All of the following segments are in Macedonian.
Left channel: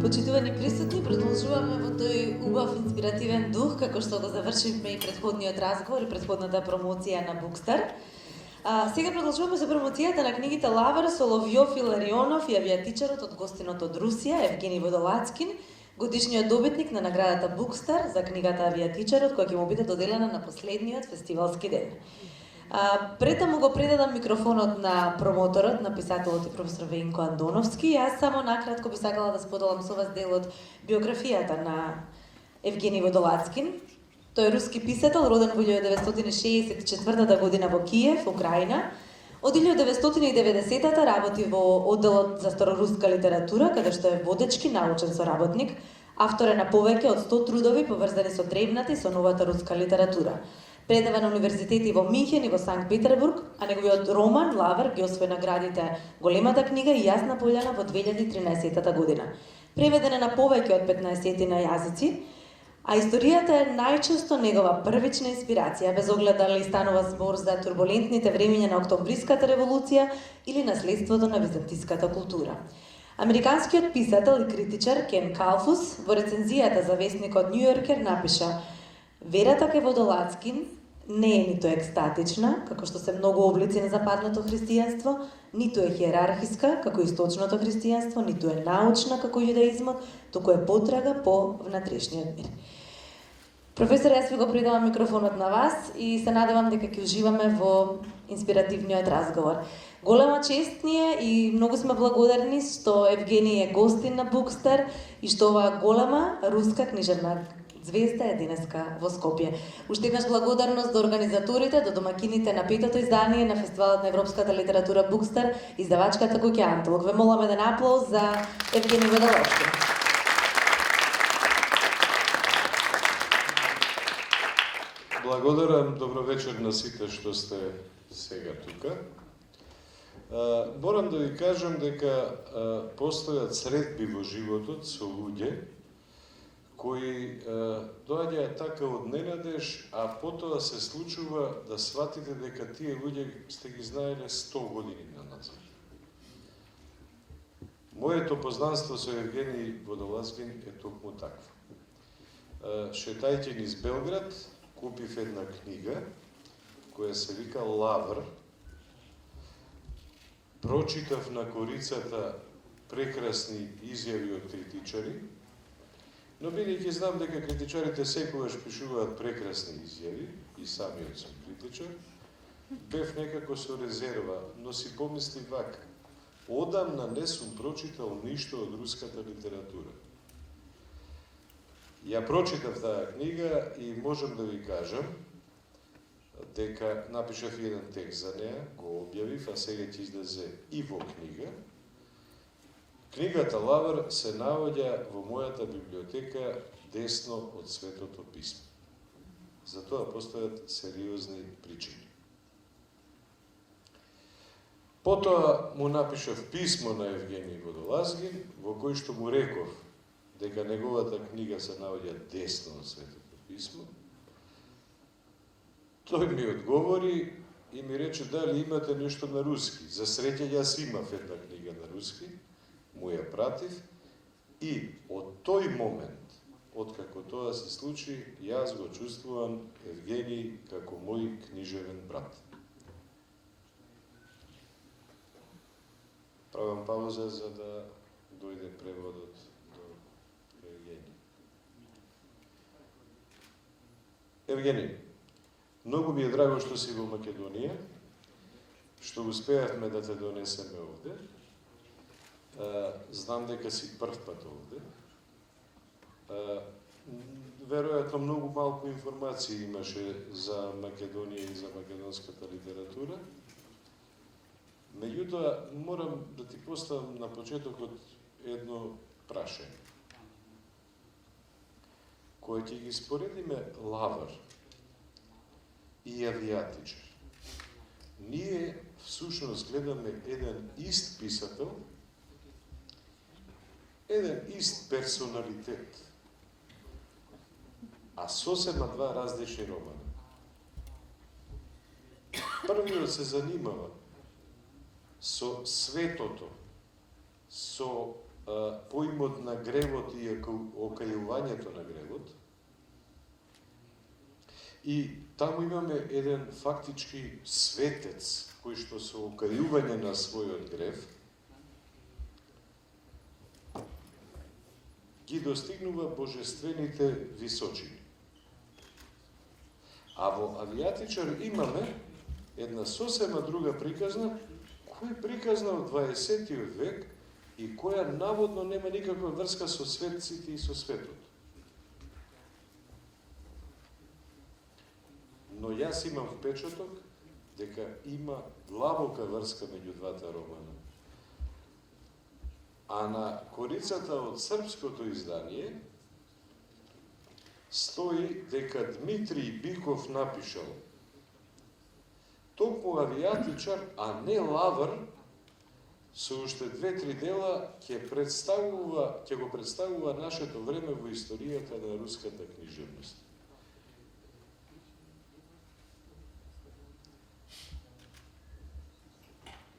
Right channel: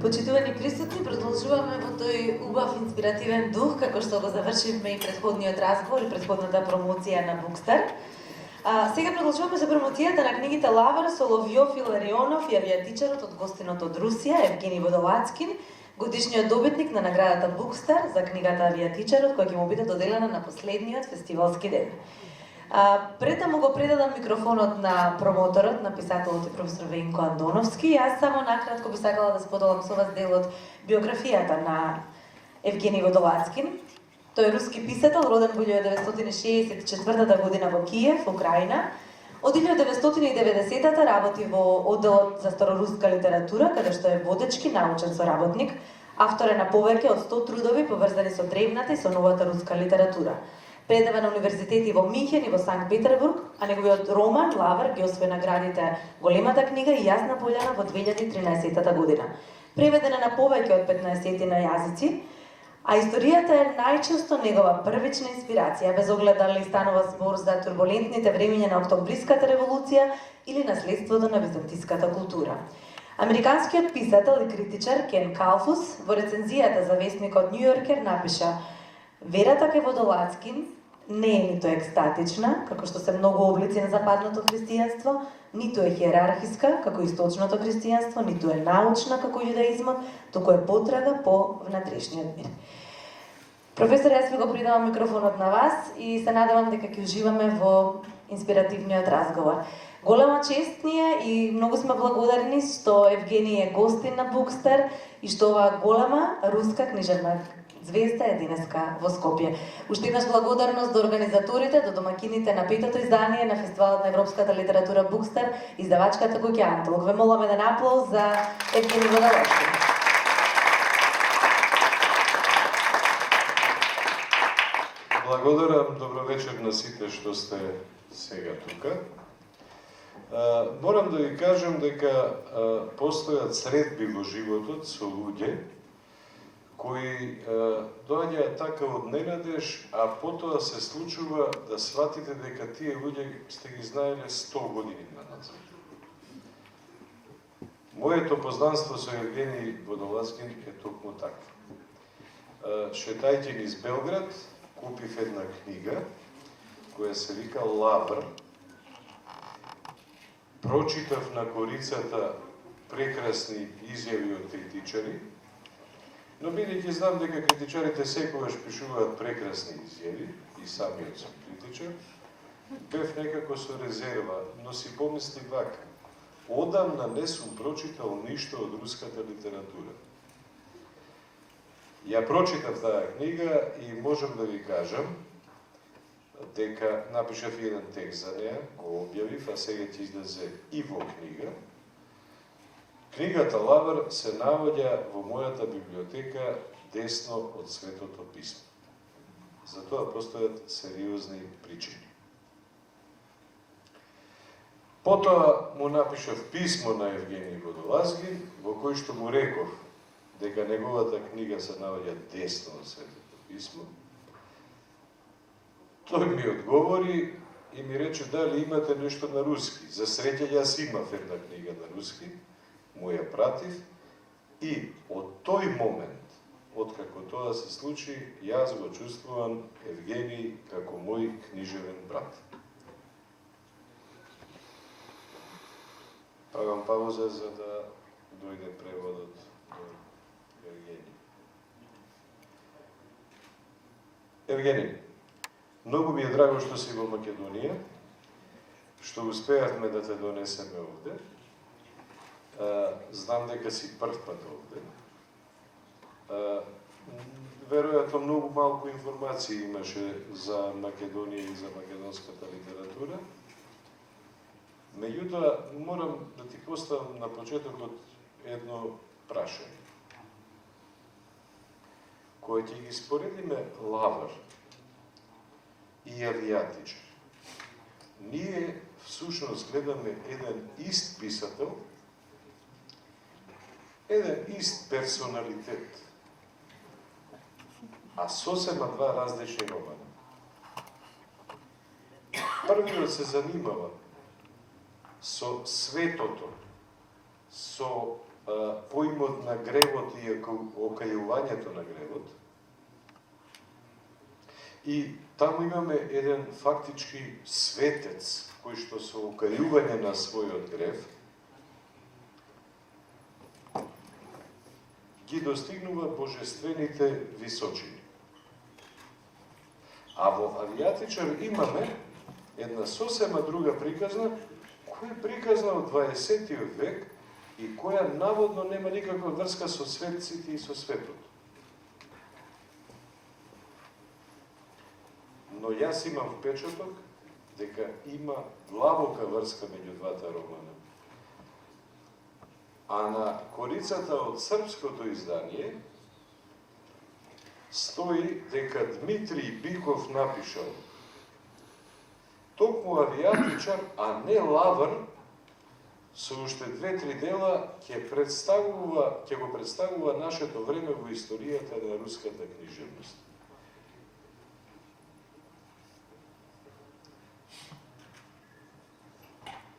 Почитувани присутни, продолжуваме во тој убав инспиративен дух, како што го завршивме и претходниот разговор и претходната промоција на Букстар. Сега продолжуваме со промоцијата на книгите Лавар, Соловјов, Иларионов и авијатичарот од гостинот од Русија, Евгений Водолацкин, годишниот добитник на наградата Букстар за книгата Авијатичарот, која ќе му биде доделена на последниот фестивалски ден. Пред да му го предадам микрофонот на промоторот, на писателот и професор Венко Андоновски, јас само накратко би сакала да споделам со вас дел од биографијата на Евгений Водолацкин. Тој е руски писател, роден во 1964 година во Киев, Украина. Од 1990 работи во одделот за староруска литература, каде што е водечки научен соработник, автор е на повеќе од 100 трудови поврзани со древната и со новата руска литература. Предава на универзитети во Минхен и во Санкт Петербург, а неговиот роман Лавар ги освои наградите Големата книга и Јасна пољана во 2013 година. Преведена на повеќе од 15 на јазици, а историјата е најчесто негова првична инспирација, без оглед дали станува збор за турбулентните времиња на Октобриската револуција или наследството на византиската култура. Американскиот писател и критичар Кен Калфус во рецензијата за весникот Нью Йоркер напиша: "Верата кај Водолацкин не е ниту екстатична, како што се многу облици на западното христијанство, ниту е хиерархиска, како источното христијанство, ниту е научна, како јудаизмот, туку е потрага по внатрешниот мир." Професор, јас ви го придавам микрофонот на вас и се надевам дека ќе уживаме во инспиративниот разговор. Голема чест ни е и многу сме благодарни што Евгений е гостин на Букстар и што оваа голема руска книжевна звезда е денеска во Скопје. Уште еднаш благодарност до организаторите, до домакините на петото издание на Фестивалот на европската литература Букстар, издавачката куќа Антолог. Ве молам еден аплауз за Евгений Водолацкин. Благодарам, добро вечер на сите што сте сега тука. Морам да ви кажам дека постојат средби во животот со луѓе кои доаѓаат така од ненадеж, а потоа се случува да сватите дека тие луѓе сте ги знаеле 100 години назад. Моето познанство со Евгений Водолацкин е токму такво. Шетајќи низ Белград, купив една книга која се вика Лавар. Прочитав на корицата прекрасни изјави од критичари, но бидејќи знам дека критичарите секогаш пишуваат прекрасни изјави, и самиот сум критичар, бев некако со резерва, но си помислив вака: одамна не сум прочитал ништо од руската литература. Ја прочитав таа книга и можам да ви кажам дека напишав еден текст за неа, го објавив, а сега ќе излезе и во книга. Книгата Лавар се наоѓа во мојата библиотека десно од Светото писмо. За тоа постојат сериозни причини. Потоа му напишав писмо на Евгений Водолацкин, во кој што му реков дека неговата книга се наоѓа десно од Светото писмо. Тој ми одговори и ми рече дали имате нешто на руски. За среќа јас имав една книга на руски, му ја пратив и од тој момент, откако тоа се случи, јас го чувствувам Евгений како мој книжевен брат. Правам пауза за да дојде преводот до Евгений. Евгений, многу ми е драго што си во Македонија, што успеавме да те донесеме овде. Знам дека си прв пат овде. Веројатно многу малку информации имаше за Македонија и за македонската литература. Меѓутоа, морам да ти поставам на почетокот едно прашање. Кога ќе ги споредиме Лавар и Авијатичар, ние всушност гледаме еден ист писател, еден ист персоналитет, а сосема два различни романа. Првиот се занимава со светото, со поимот на гревот и окајувањето на гревот. И таму имаме еден фактички светец, кој што со окајување на својот грев ги достигнува божествените височини. А во Авијатичар имаме една сосема друга приказна, која е приказна од 20. век и која наводно нема никаква врска со светците и со светот. Но јас имам впечаток дека има длабока врска меѓу двата романа. А на корицата од српското издание стои дека Дмитрий Биков напишал токму Авијатичар, а не Лавр, со уште 2-3 дела ќе го представува нашето време во историјата на руската книжевност.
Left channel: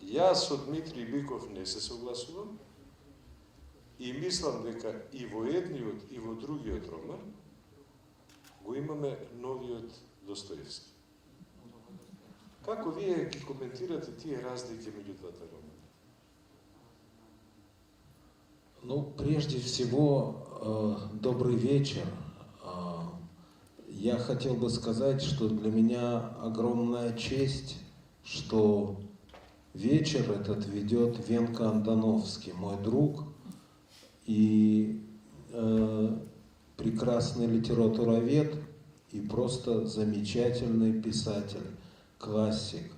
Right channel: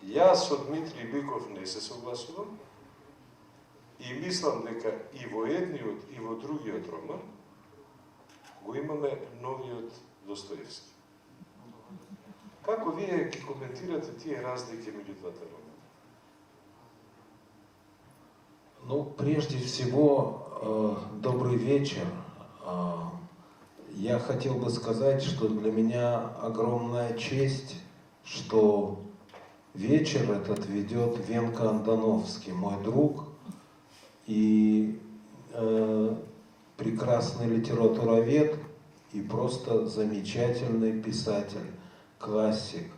Јас со Дмитрий Биков не се согласувам и мислам дека и во едниот и во другиот роман го имаме новиот Достоевски. Како вие ги коментирате тие разлики меѓу двата романа? Ну, прежде всего, добрый вечер. Я хотел бы сказать, что для меня огромная честь, что вечер этот ведет Венка Андоновский, мой друг и прекрасный литературовед и просто замечательный писатель, классик.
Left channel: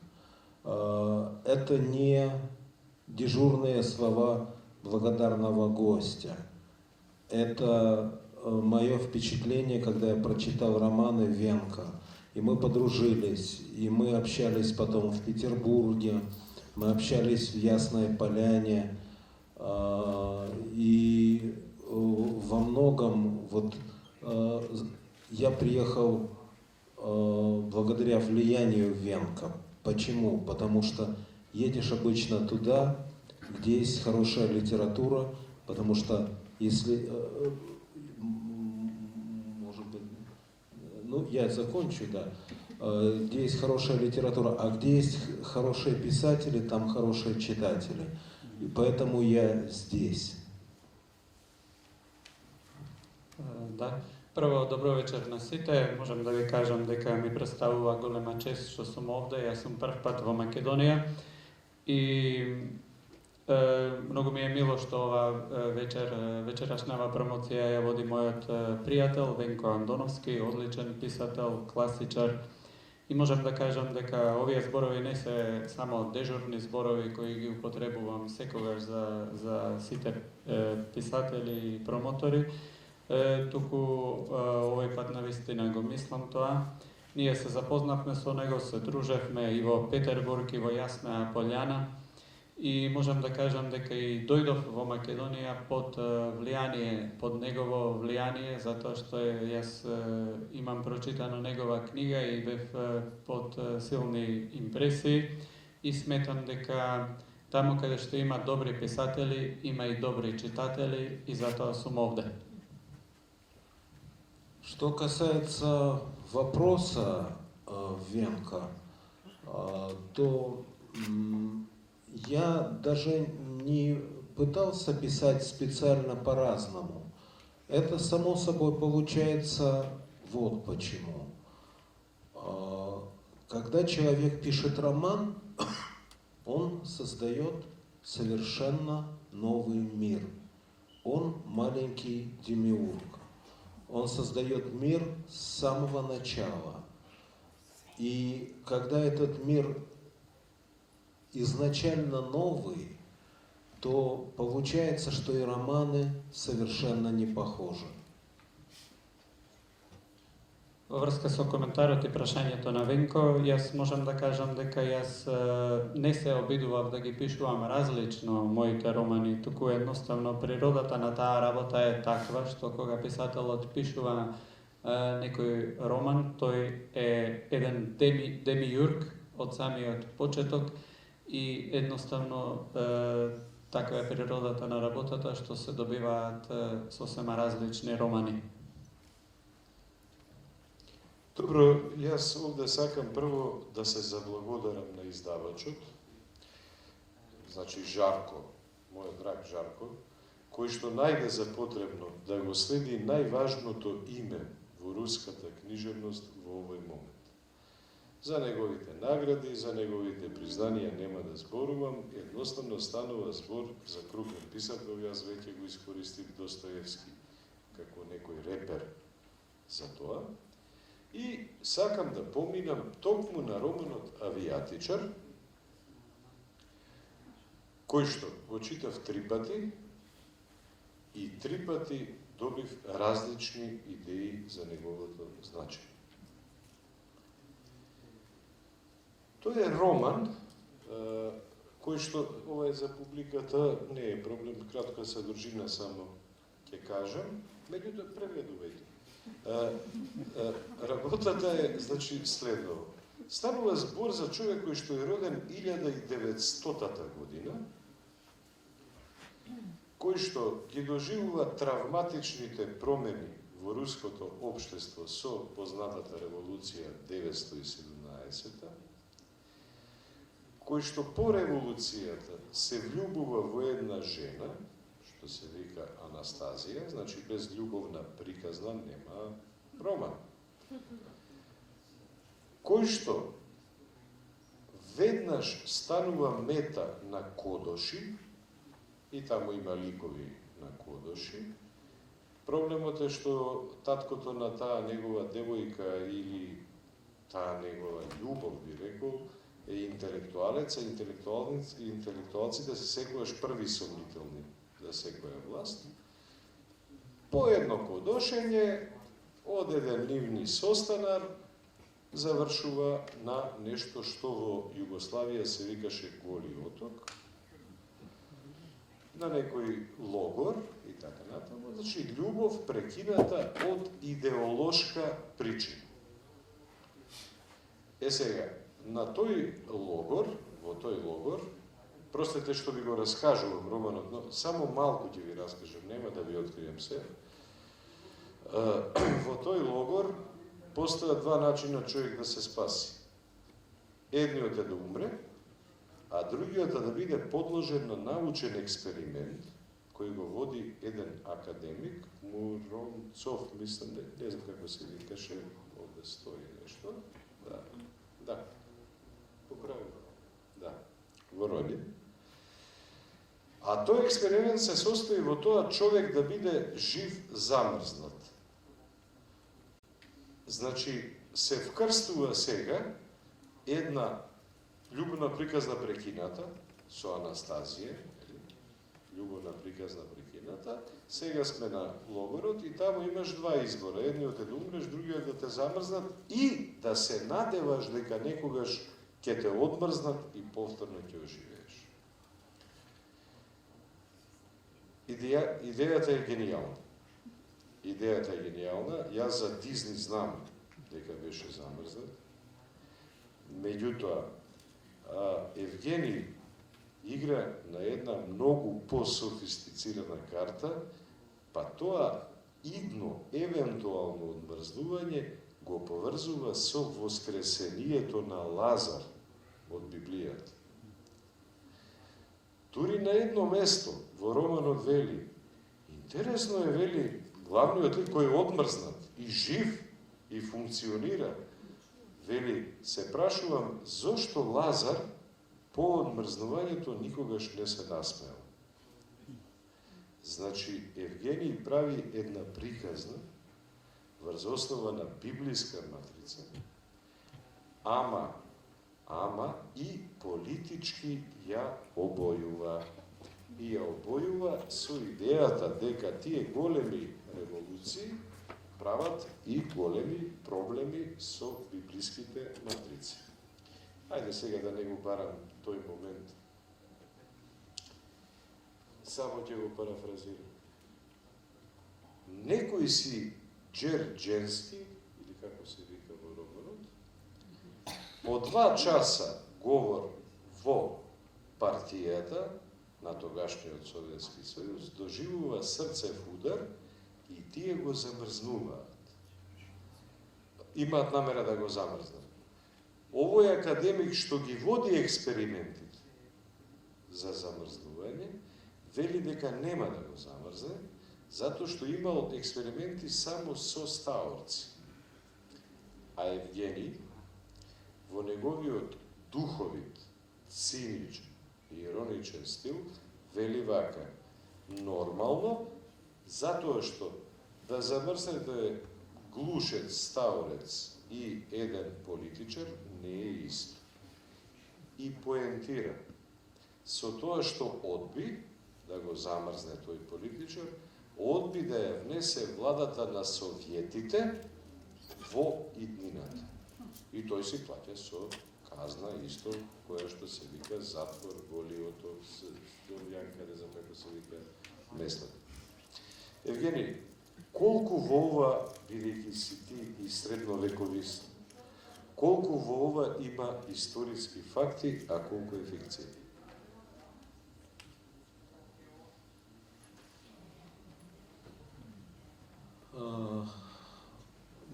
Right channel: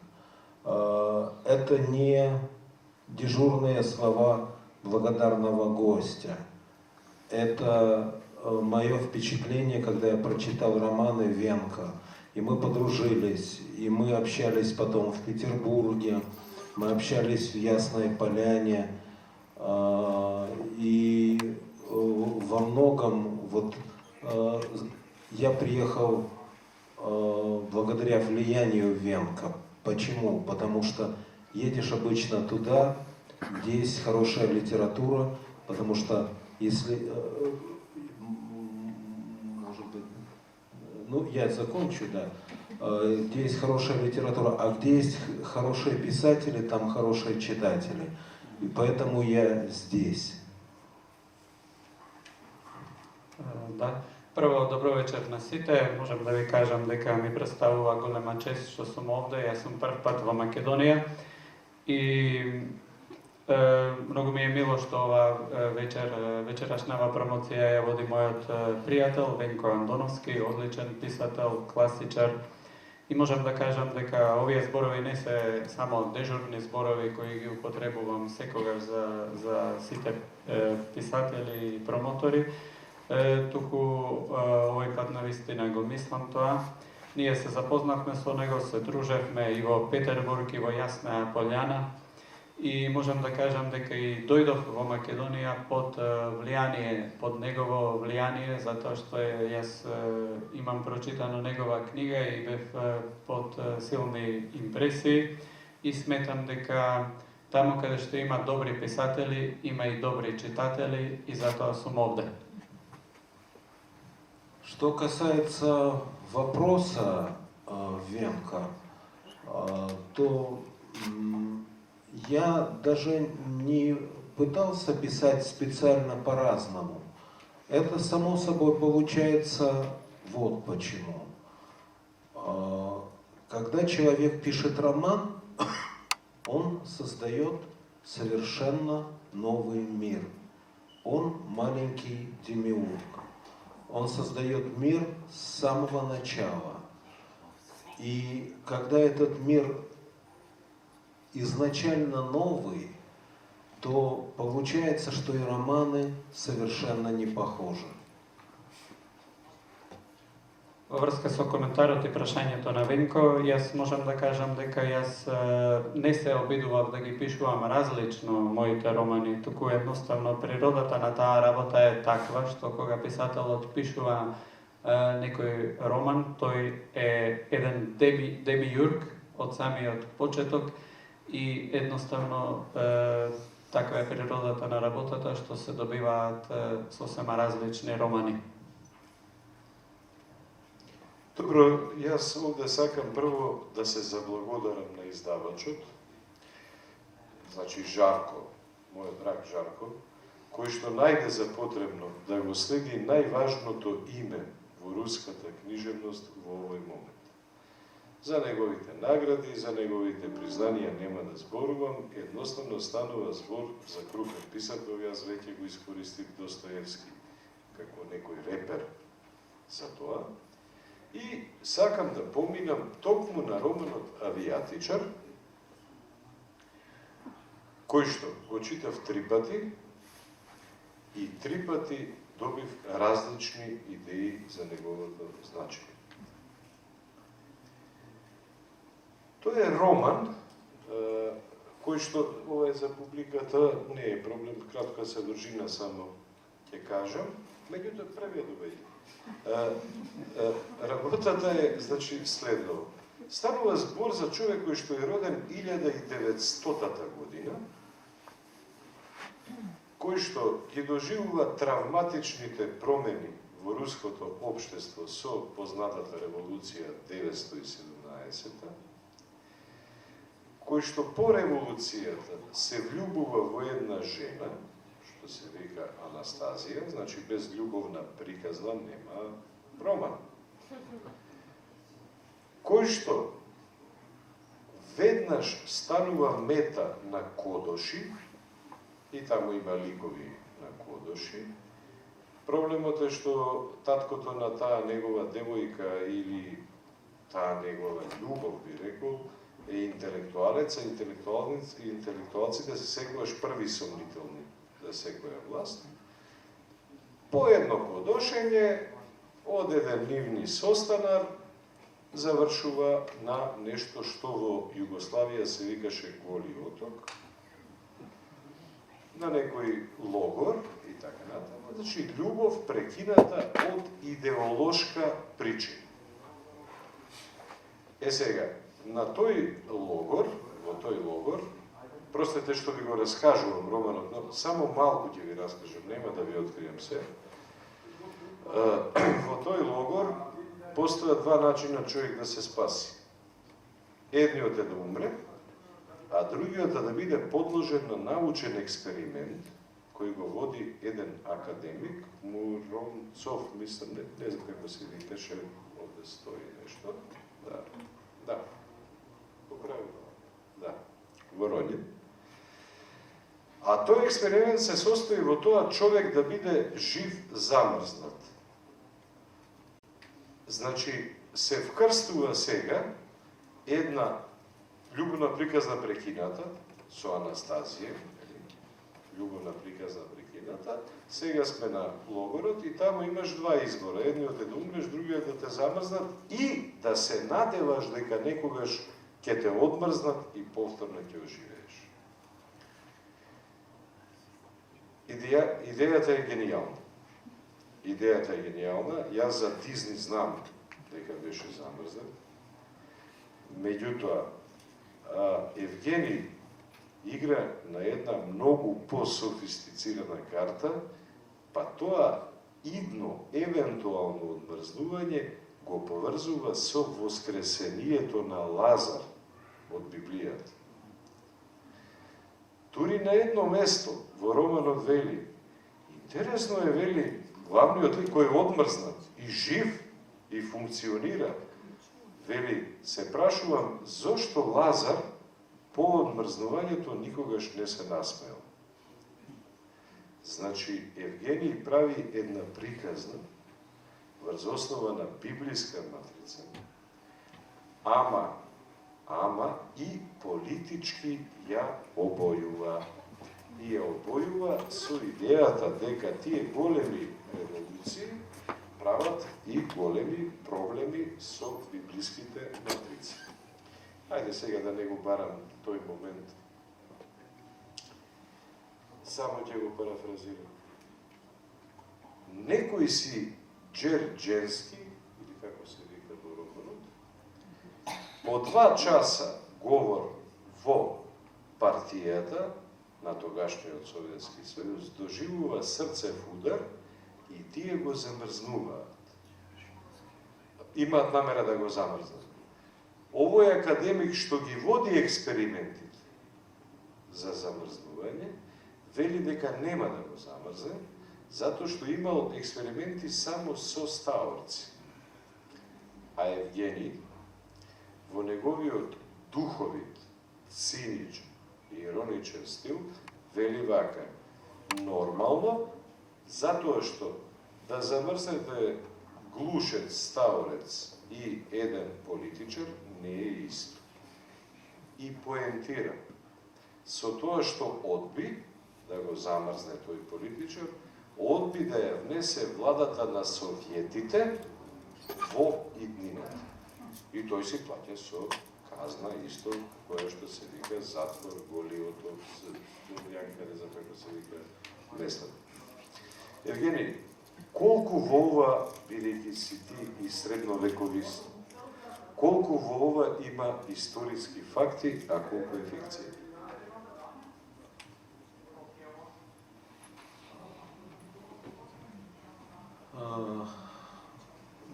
Это не дежурные слова благодарного гостя. Это мое впечатление, когда я прочитал романы Венка. И мы подружились, и мы общались потом в Петербурге, мы общались в Ясной Поляне. И во многом я приехал благодаря влиянию Венка. Почему? Потому что едешь обычно туда, где есть хорошая литература, потому что если, может быть, ну я закончу, да, где есть хорошая литература, а где есть хорошие писатели, там хорошие читатели. И поэтому я здесь. Да. Прво, добро вечер на сите. Можем да ви кажам дека ми представува голема чест што сум овде. Јас сум прв пат во Македонија и многу ми е мило што ова вечерашнава промоција ја води мојот пријател Венко Андоновски, одличен писател, класичар. И можам да кажам дека овие зборови не се само дежурни зборови кои ги употребувам секогаш за сите писатели и промотори, туку овој пат навистина го мислам тоа. Ние се запознавме со него, се дружевме и во Петербург и во Јасна Пољана и можам да кажам дека и дојдов во Македонија под влијание, под негово влијание, затоа што јас имам прочитано негова книга и бев под силни импресии и сметам дека таму каде што има добри писатели, има и добри читатели и затоа сум овде. Что касается вопроса Венка, то я даже не пытался писать специально по-разному. Это само собой получается вот почему. Когда человек пишет роман, он создает совершенно новый мир. Он маленький демиург. Он создает мир с самого начала. И когда этот мир изначально новый, то получается, что и романы совершенно не похожи. Во врска со коментарот и прашањето на Венко, јас можам да кажам дека јас не се обидував да ги пишувам различно моите романи, туку едноставно природата на таа работа е таква што кога писателот пишува некој роман, тој е еден демиург од самиот почеток и едноставно Таква е природата на работата, што се добиваат сосема различни романи. Добро, јас овде сакам прво да се заблагодарам на издавачот, значи Жарко, мојот драг Жарко, кој што најде за потребно да го следи најважното име во руската книжевност во овој момент. За неговите награди, за неговите признанија нема да зборувам, едноставно станува збор за крупен писател, јас веќе го искористив Достоевски како некој репер за тоа. И сакам да поминам токму на романот Авијатичар, кој што го читав 3 пати и 3 пати добив различни идеи за неговото значење. Тој е роман, кој што, ова е за публиката, не е проблем, кратка содржина само ќе кажам, меѓутоа преведувајте. Работата е, значи, следово. Станува збор за човек кој што е роден 1900 година, кој што ги доживува травматичните промени во руското општество со познатата револуција 1917, кој што по револуцијата се влюбува во една жена, што се вика Анастазија, значи без љубовна приказна нема роман. Кој што веднаш станува мета на Кодоши, и таму има ликови на Кодоши. Проблемот е што таткото на таа негова девојка или таа негова љубов, би рекол, е интелектуалец, а интелектуалците се секогаш први сомнителни за секоја власт. По едно кодошење, од еден нивни состанар, завршува на нешто што во Југославија се викаше Голи оток, на некој логор и така натаму. Значи, љубов прекината од идеолошка причина. Сега, на тој логор, во тој логор, простете што ви го раскажувам романот, но само малку ќе ви раскажам, нема да ви откријам се. Во тој логор постојат 2 начина човек да се спаси. Едниот е да умре, а другиот е да биде подложен на научен експеримент, кој го води еден академик, Муромцов, мислам, не знам како се викаше, овде стои нешто. Да. Поправи. Да. Воронин. А тој експеримент се состои во тоа човек да биде жив замрзнат. Значи, се вкрстува сега една љубовна приказна прекината со Анастазија, љубовна приказна прекината, сега сме на логорот и таму имаш 2 избора. Едниот е да умреш, другиот да те замрзнат и да се надеваш дека некогаш ќе те одмрзнат и повторно ќе оживееш. Идејата е генијална. Идејата е генијална. Јас за Дизни знам дека беше замрзнат. Меѓутоа, Евгений игра на една многу по-софистицирана карта, па тоа идно, евентуално одмрзнување го поврзува со воскресението на Лазар од Библијата. Дури на едно место во романот вели, интересно е, вели, главниот лик кој е одмрзнат и жив и функционира, вели, се прашувам зошто Лазар по одмрзнувањето никогаш не се насмеал. Значи, Евгений прави една приказна врз основа на библиска матрица, ама и политички ја обојува. И ја обојува со идејата дека тие големи револуции прават и големи проблеми со библиските матрици. Ајде сега да не го барам тој момент. Само ќе го парафразирам. Некој си Джерџенски, или како се вика во романот, по 2 часа говор во партијата на тогашниот Советски сојуз, доживува срцев удар и тие го замрзнуваат. Имаат намера да го замрзнат. Овој академик што ги води експериментите за замрзнување, вели дека нема да го замрзне, затоа што имал експерименти само со стаорци. А Евгений, во неговиот духовит, циничен и ироничен стил, вели вака: нормално, затоа што да замрзнете глушец, стаорец и еден политичар не е исто. И поентира, со тоа што одби да го замрзне тој политичар, одби да ја внесе владата на советите во иднината. И тој си плаќа со казна исто, која што се вика затвор, голиот од јанкаде, за како се вика местата. Евгений, колку во ова, бидејќи си ти и средновековист, колку во ова има историски факти, а колку е фикција?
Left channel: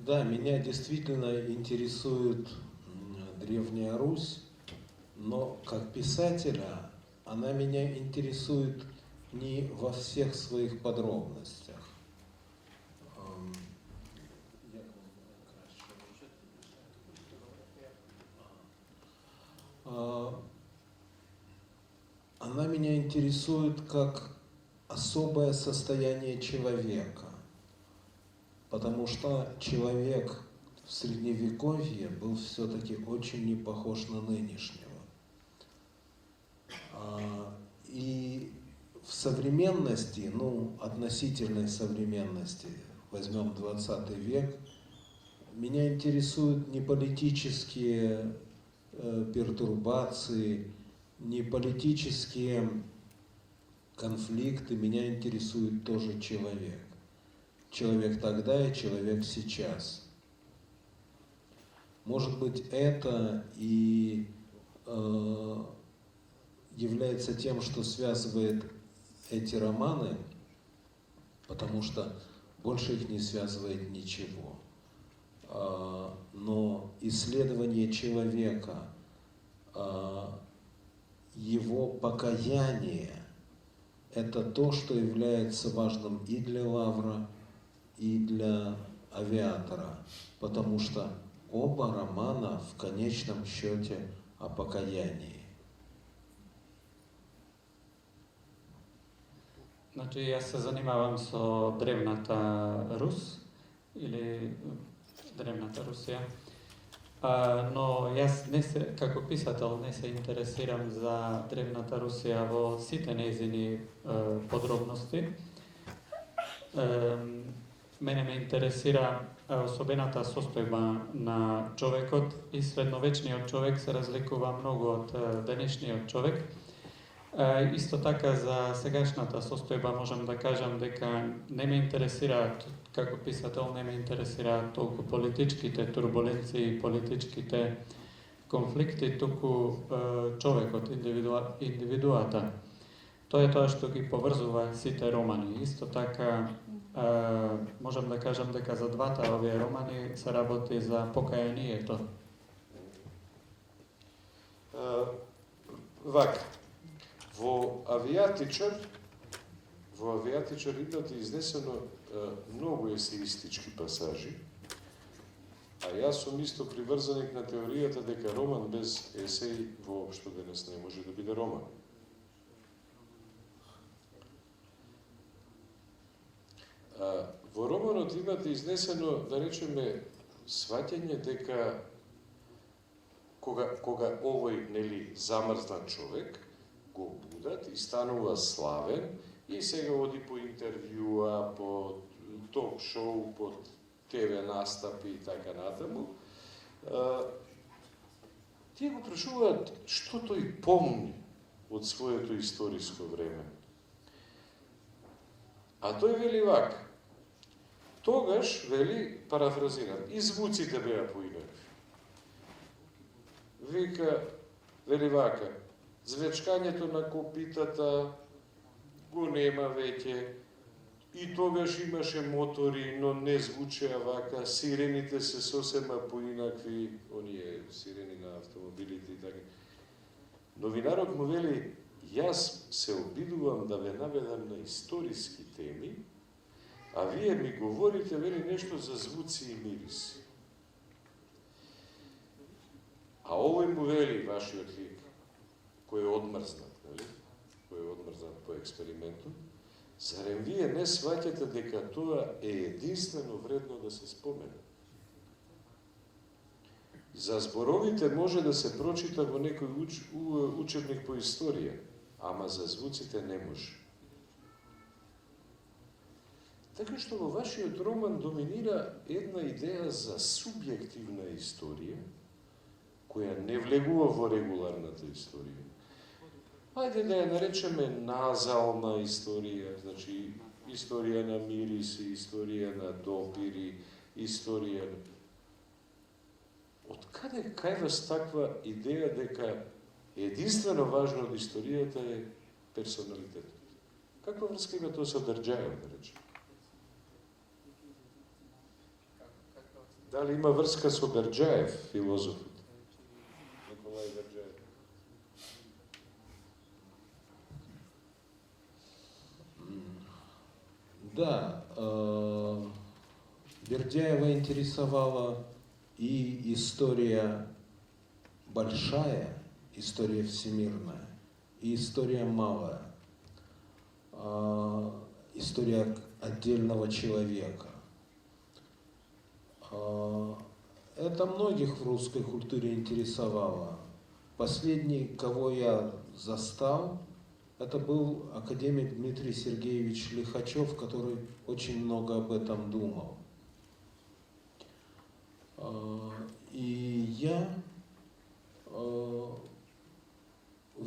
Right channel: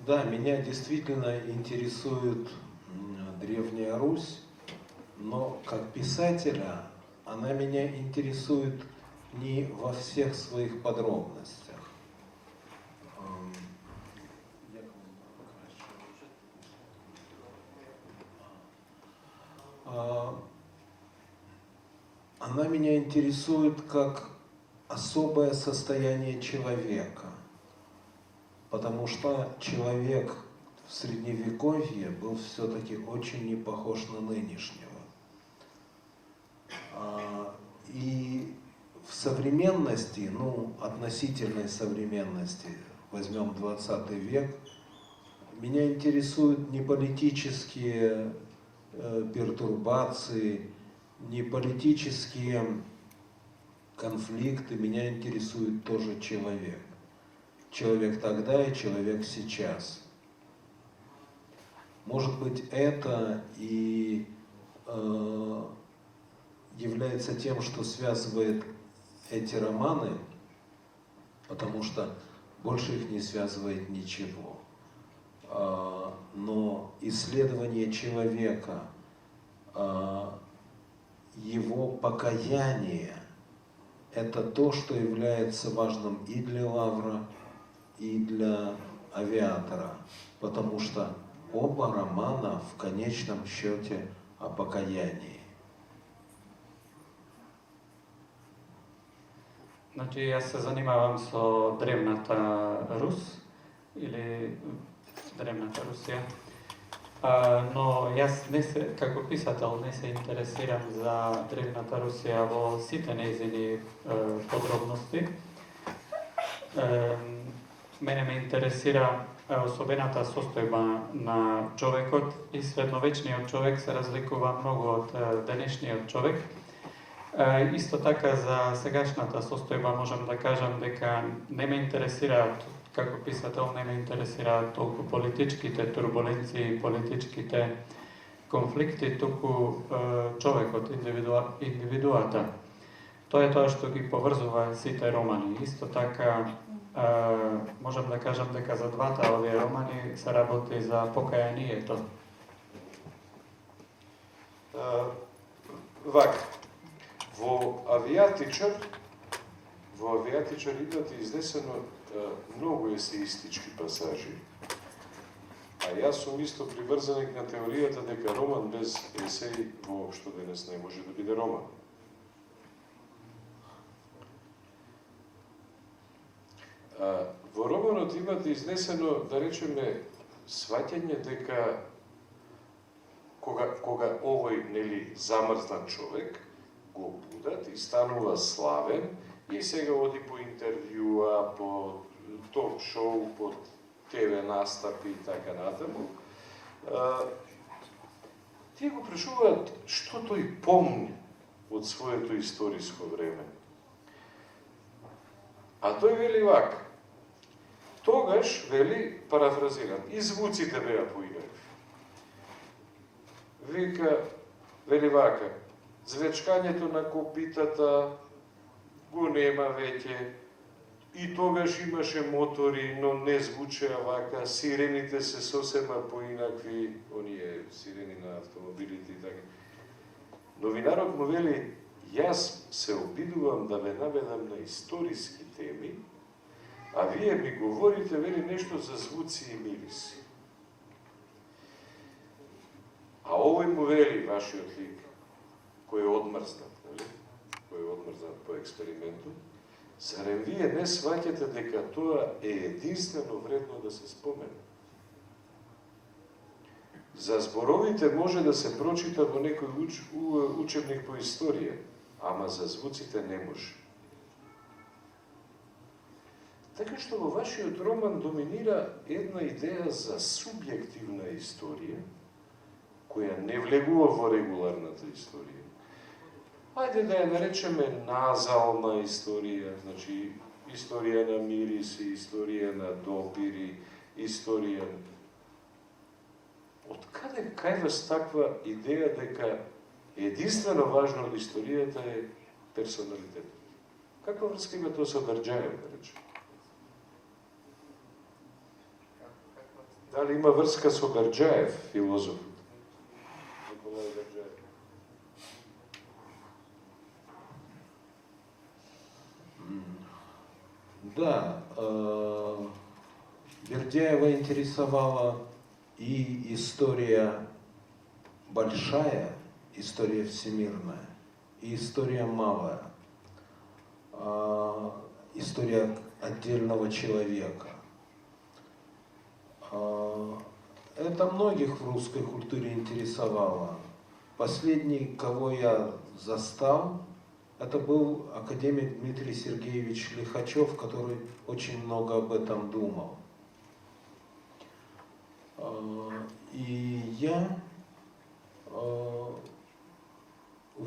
Да, меня действительно интересует Древняя Русь, но как писателя она меня интересует не во всех своих подробностях. Она меня интересует как особое состояние человека, потому что человек в Средневековье был все-таки очень не похож на нынешнего. И в современности, относительной современности, возьмем 20 век, меня интересуют не политические пертурбации, не политические конфликты, меня интересует тоже человек. Человек тогда и человек сейчас. Может быть, это и является тем, что связывает эти романы, потому что больше их не связывает ничего. Но исследование человека, его покаяние, это то, что является важным и для Лавра, и для Авиатора, потому что оба романа в конечном счете о покаянии. Значи, јас се занимавам со древната Рус, или древната Русија, но јас како писател не се интересирам за древната Русија во сите нејзини подробности. Мене ме интересира особената состојба на човекот и средновечниот човек се разликува многу од денешниот човек. Исто така за сегашната состојба можам да кажам дека не ме интересираат, како писател не ме интересираат толку политичките турбуленции, политичките конфликти, туку човекот, индивидуата. Тоа е тоа што ги поврзува сите романи. Исто така можам да кажам дека за двата овие романи се работи за покаянието. Вака, во Авиатичар имате изнесено многу есеистички пасажи, а јас сум исто приврзаник на теоријата дека роман без есеи воопшто денес не може да биде роман. Во романот имате изнесено, да речеме, сваќање дека кога овој замрзнат човек го будат и станува славен и сега оди по интервјуа, по ток-шоу, по ТВ настапи и така натаму. Тие го прашуваат што тој помни од своето историско време. А тој вели вака. Тогаш, вели, парафразирам, и звуците беа поинакви. Вика, вели вака, звечкањето на копитата го нема веќе. И тогаш имаше мотори, но не звучеа вака, сирените се сосема поинакви, оние сирени на автомобилите и така. Новинарот му вели, јас се обидувам да ве наведам на историски теми, а вие ми говорите, вели, нешто за звуци и мириси. А овој му вели, вашиот лик, кој е одмрзнат, нали? Кој е одмрзнат по експериментот, зарем вие не сваќате дека тоа е единствено вредно да се спомене? За зборовите може да се прочита во некој учебник по историја, ама за звуците не може. Така што во вашиот роман доминира една идеја за субјективна историја, која не влегува во регуларната историја. Ајде да ја наречеме назална историја, значи историја на мириси, историја на допири, историја... Од каде кајваш таква идеја дека единствено важно од историјата е персоналитетот? Каква врска има тоа со Дарџаев, да речем? Дали има врска со Дарџаев, филозофот? Николај Дарџаев. Да, Бердяева интересовала и история большая, история всемирная, и история малая, история отдельного человека. Это многих в русской культуре интересовало. Последний, кого я застал, это был академик Дмитрий Сергеевич Лихачев, который очень много об этом думал. И я в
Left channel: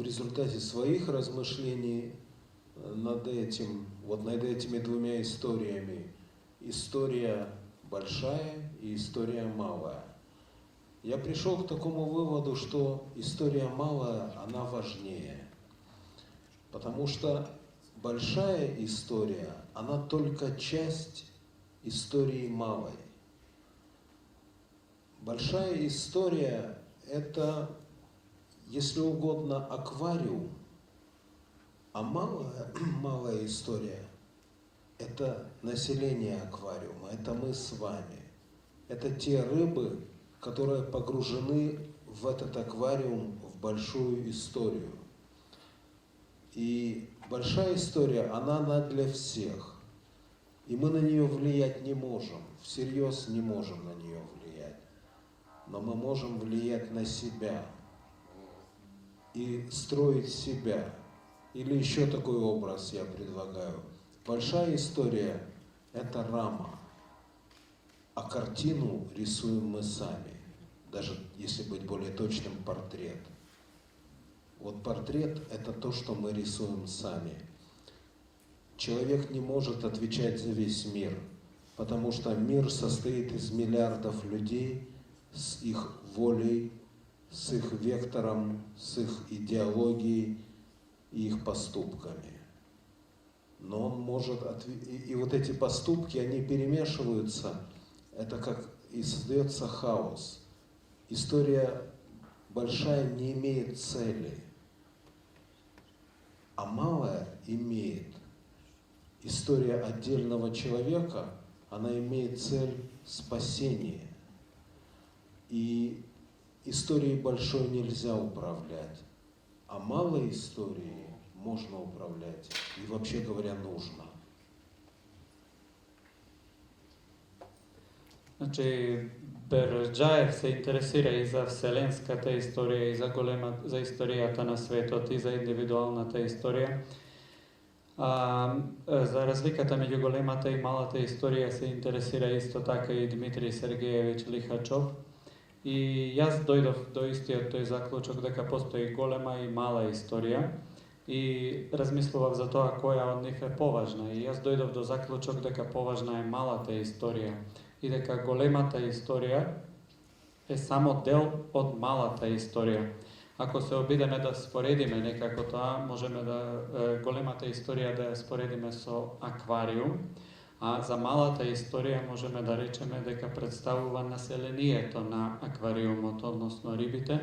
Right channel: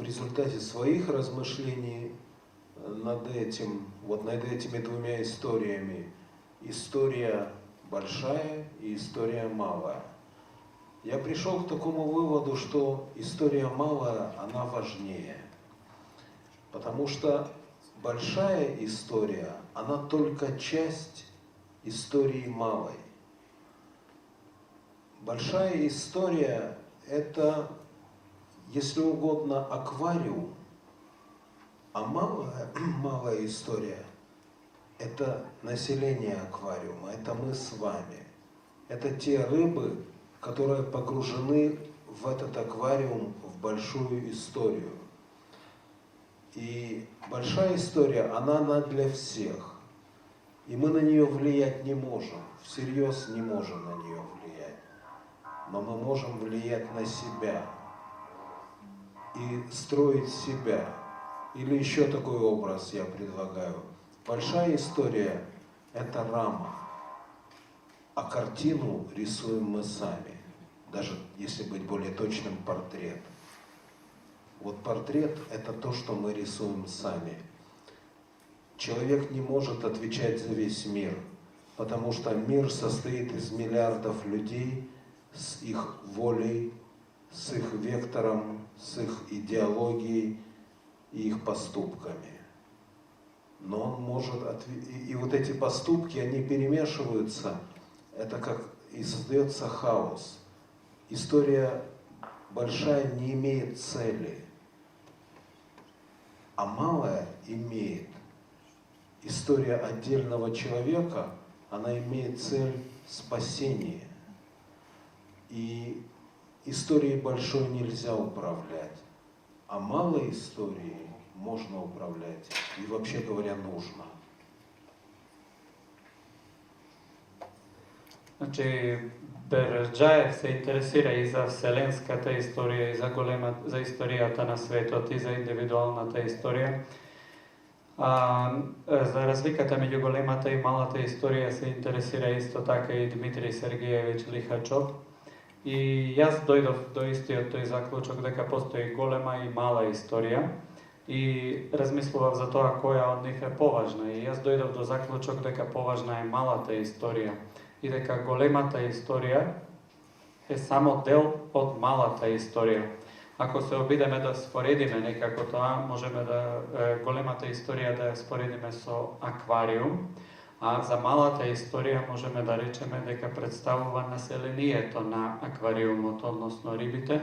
результате своих размышлений над этими двумя историями, история большая и история малая, я пришел к такому выводу, что история малая, она важнее. Потому что большая история, она только часть истории малой. Большая история – это, если угодно, аквариум, а малая история – это население аквариума, это мы с вами. Это те рыбы, которые погружены в этот аквариум, в большую историю. И большая история, она для всех. И мы на нее влиять не можем, всерьез не можем на нее влиять. Но мы можем влиять на себя и строить себя. Или еще такой образ я предлагаю. Большая история – это рама, а картину рисуем мы сами. Даже, если быть более точным, портрет. Вот портрет – это то, что мы рисуем сами. Человек не может отвечать за весь мир, потому что мир состоит из миллиардов людей с их волей, с их вектором, с их идеологией и их поступками. Но он может... И вот эти поступки, они перемешиваются, это как и создается хаос. История большая не имеет цели, а малая имеет. История отдельного человека, она имеет цель спасения. И историей большой нельзя управлять, а малой историей можно управлять, и вообще говоря, нужно. Значи, Берџаев се интересира и за вселенската историја, и за историјата на светот, и за индивидуалната историја. За разликата меѓу големата и малата историја се интересира исто така и Дмитрий Сергеевич Лихачов. И јас дојдов до истиот тој заклучок дека постои голема и мала историја и размислував за тоа која од нив е поважна. И јас дојдов до заклучок дека поважна е малата историја и дека големата историја е само дел од малата историја. Ако се обидеме да споредиме некако тоа, можеме да големата историја да ја споредиме со аквариум, а за малата историја можеме да речеме дека представува населението на аквариумот, односно рибите,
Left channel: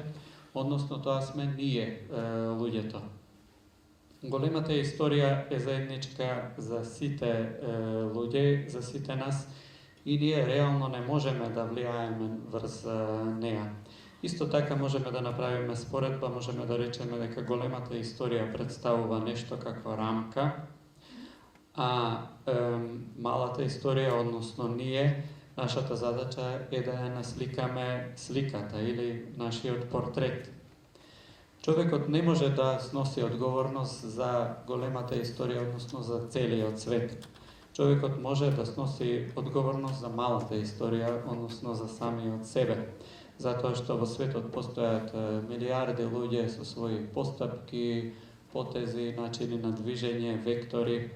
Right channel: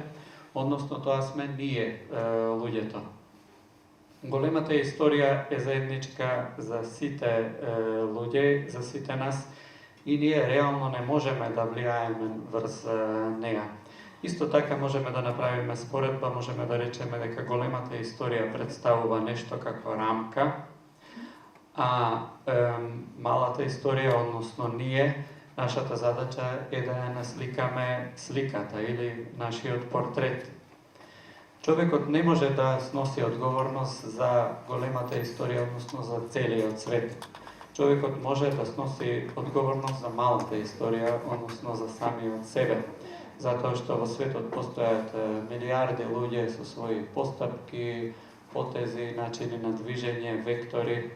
односно тоа сме ние, луѓето. Големата историја е заедничка за сите луѓе, за сите нас, и ние реално не можеме да влијаеме врз неа. Исто така можеме да направиме споредба, можеме да речеме дека големата историја представува нешто како рамка, а малата историја, односно ние, нашата задача е да ја насликаме сликата или нашиот портрет. Човекот не може да сноси одговорност за големата историја, односно за целиот свет. Човекот може да сноси одговорност за малата историја, односно за самиот себе. Затоа што во светот постојат милиарди луѓе со своји постапки, потези, начини на движење, вектори,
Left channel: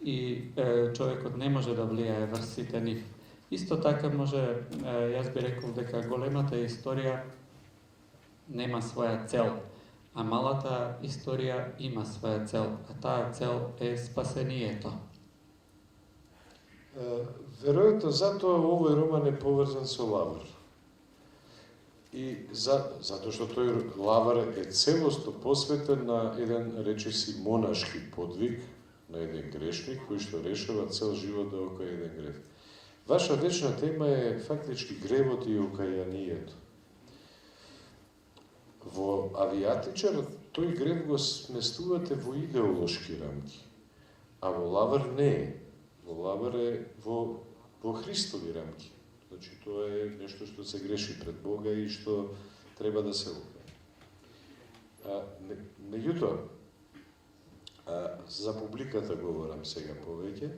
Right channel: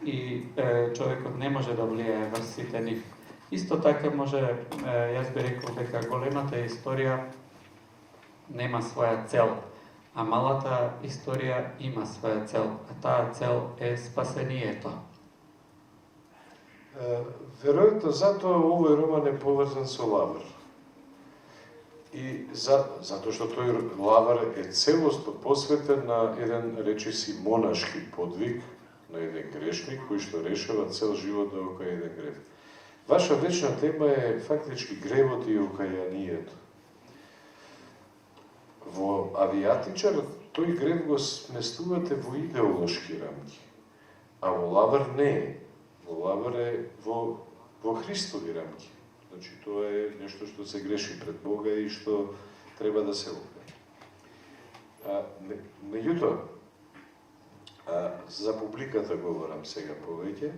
и човекот не може да влијае врз сите нив. Исто така може, јас би рекол дека големата историја нема своја цел, а малата историја има своја цел, а таа цел е спасението. Веројатно затоа овој роман е поврзан со Лавр. И затоа што тој Лавр е целосно посветен на еден, речиси, монашки подвиг, на еден грешник кој што решава цел живот да окаја еден грев. Ваша вечна тема е фактички гревот и окајанието. Во Авиатичар тој грев го сместувате во идеолошки рамки, а во Лавр не е. Во Лавр е во Христови рамки. Значи, тоа е нешто што се греши пред Бога и што треба да се окаја. Меѓутоа, за публиката говорам сега повеќе,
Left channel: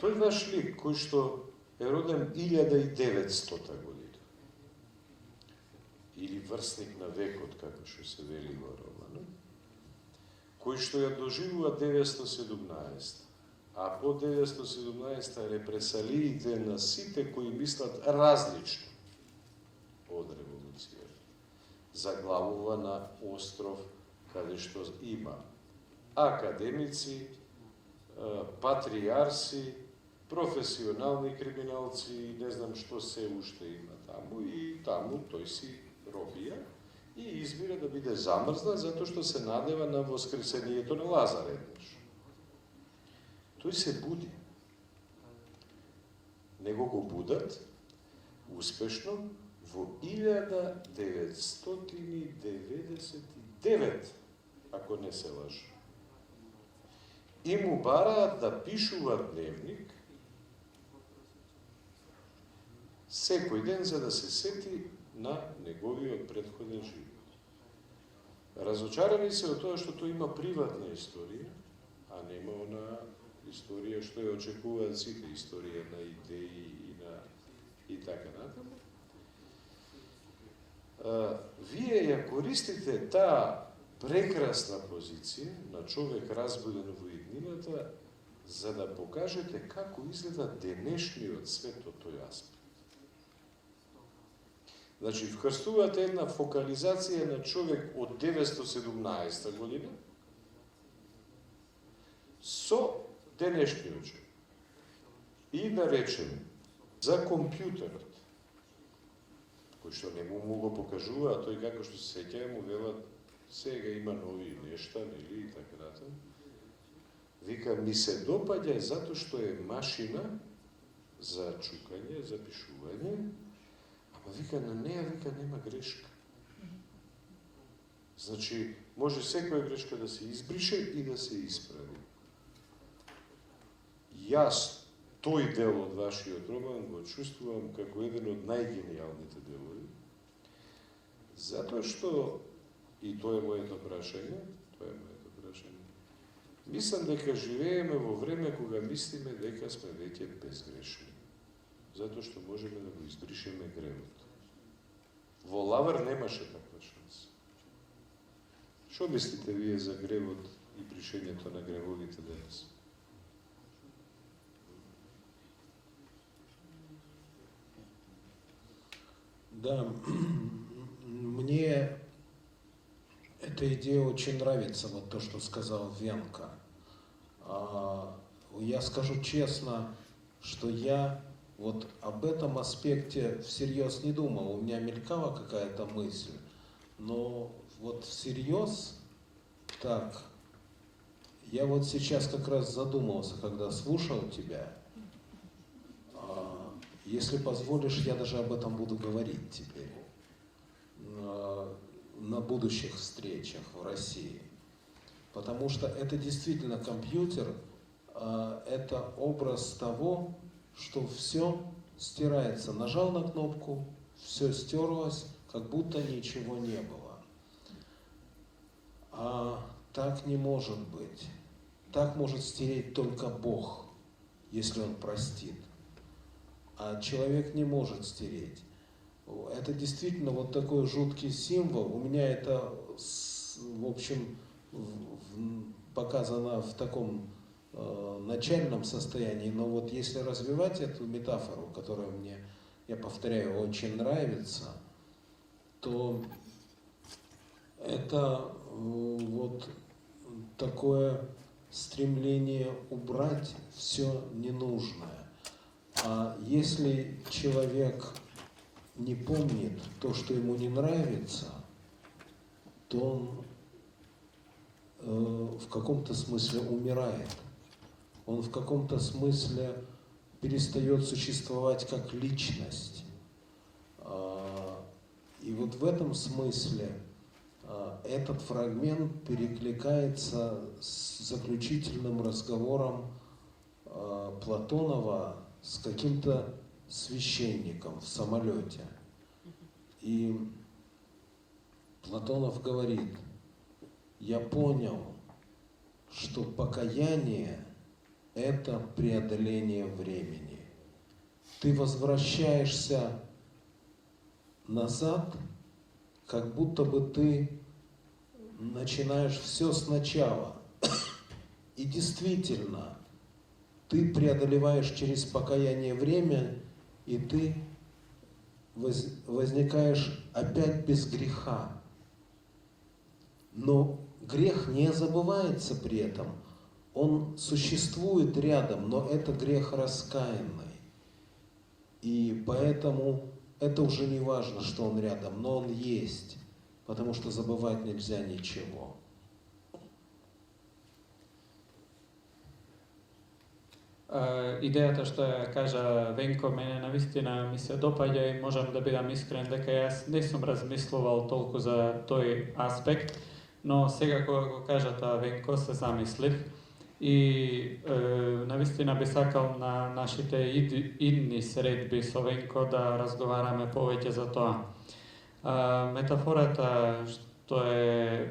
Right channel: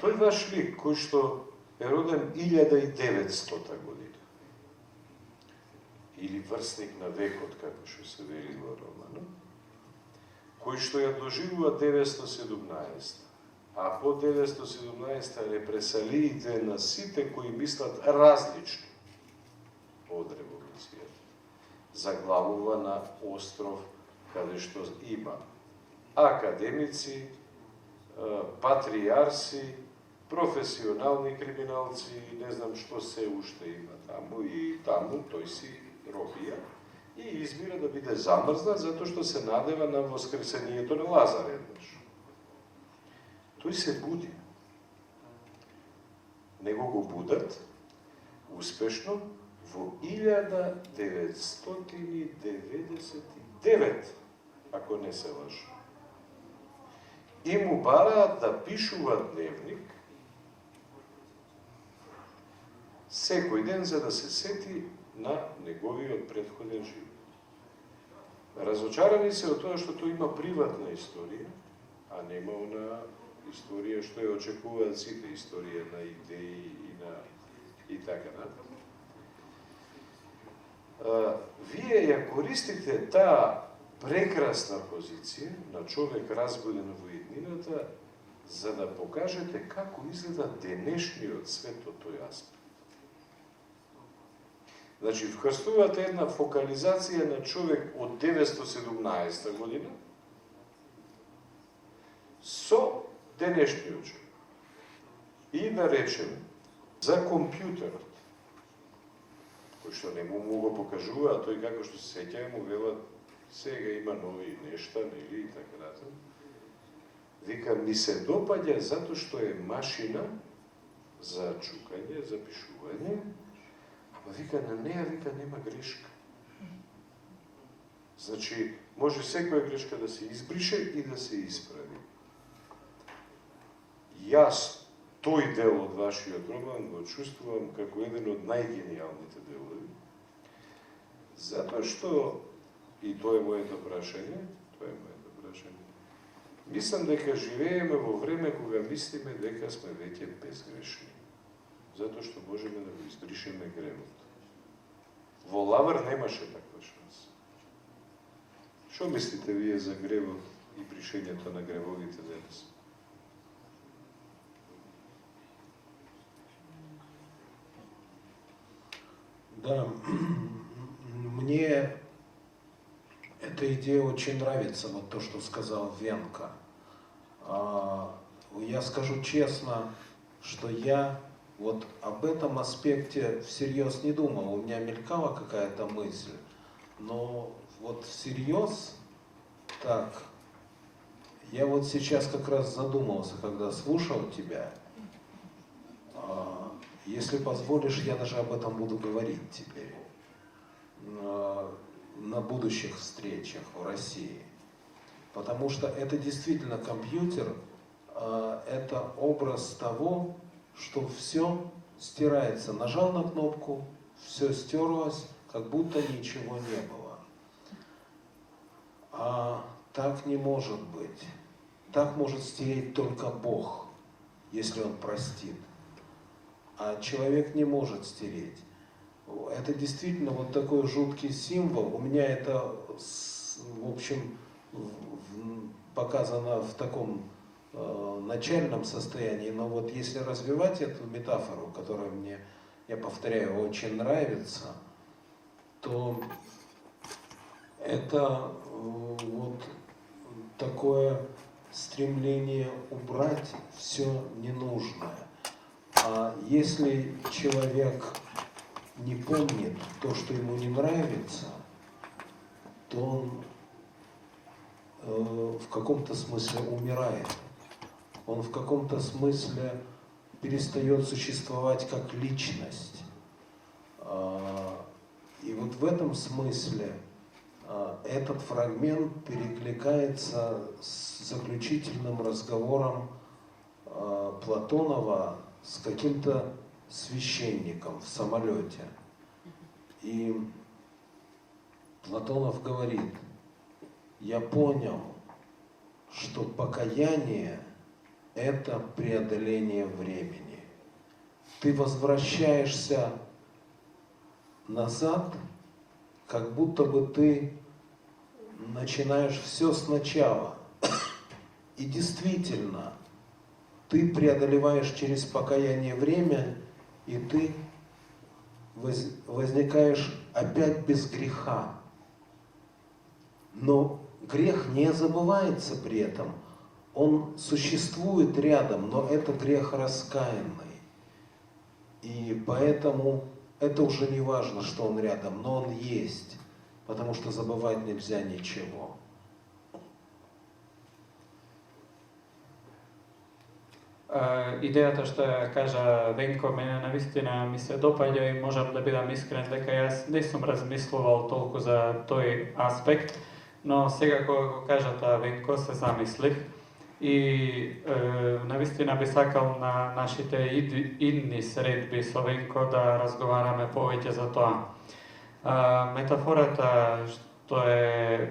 тој ваш лик, кој што е роден 1900 година, или врсник на векот, како што се вели во романот, кој што ја доживува 917, а по 917 репресалиите на сите кои мислат различно од револуцијата, заглавува на остров каде што има академици, патријарси, професионални криминалци, не знам што се уште има таму, и таму тој си робија и избира да биде замрзнат затоа што се надева на воскресението на Лазар еднаш. Тој се буди. Него го будат успешно во 1999, ако не се лажу. И му бараат да пишува дневник секој ден за да се сети на неговиот претходен живот. Разочарани се од тоа што тој има приватна историја, а нема она историја што ја очекуваат сите, историја на идеи и така натаму. Вие ја користите таа прекрасна позиција на човек разбуден во иднината за да покажете како изгледа денешниот свет од тој аспект. Значи, вкрстувате една фокализација на човек од 917 година со денешниот човек. И да речем, за компјутерот, кој што не му го покажува, а тој како што се сеќава му велат сега има нови нешта, нели, и така натаму. Вика, ми се допаѓа затоа што е машина за чукање, за пишување, ама вика, на неа, вика, нема грешка. Значи, може секоја грешка да се избрише и да се исправи. Јас тој дел од вашиот роман го чувствувам како еден од најгениалните делови, затоа што, и тоа е моето прашање, мислам дека живееме во време кога мислиме дека сме веќе безгрешни, затоа што можеме да го избришеме гревот. Во Лавр немаше таква шанса. Што мислите вие за гревот и бришењето на гревовите денес? Да, мне эта идея очень нравится, вот то, что сказал Венка. Я скажу честно, что я вот об этом аспекте всерьез не думал. У меня мелькала какая-то мысль, но вот всерьез так, я вот сейчас как раз задумался, когда слушал тебя. Если позволишь, я даже об этом буду говорить теперь на будущих встречах в России. Потому что это действительно компьютер, это образ того, что все стирается. Нажал на кнопку, все стерлось, как будто ничего не было. А так не может быть. Так может стереть только Бог, если Он простит. А человек не может стереть. Это действительно вот такой жуткий символ. У меня это, в общем, показано в таком начальном состоянии, но вот если развивать эту метафору, которая мне, я повторяю, очень нравится, то это вот такое стремление убрать все ненужное. А если человек не помнит то, что ему не нравится, то он в каком-то смысле умирает. Он в каком-то смысле перестает существовать как личность. И вот в этом смысле этот фрагмент перекликается с заключительным разговором Платонова с каким-то священником в самолете. И Платонов говорит: я понял, что покаяние – это преодоление времени. Ты возвращаешься назад, как будто бы ты начинаешь все сначала. И действительно, ты преодолеваешь через покаяние время, и ты возникаешь опять без греха. Но грех не забывается при этом. Он существует рядом, но это грех раскаянный. И поэтому это уже не важно, что он рядом, но он есть, потому что забывать нельзя ничего. Идеята што ја кажа Венко, мене навистина ми се допаѓа и можам да бидам искрен дека јас не сум размислувал толку за тој аспект, но сега кога го кажа тоа Венко се замислив и навистина би сакал на нашите идни средби со Венко да разговараме повеќе за тоа. Метафората што е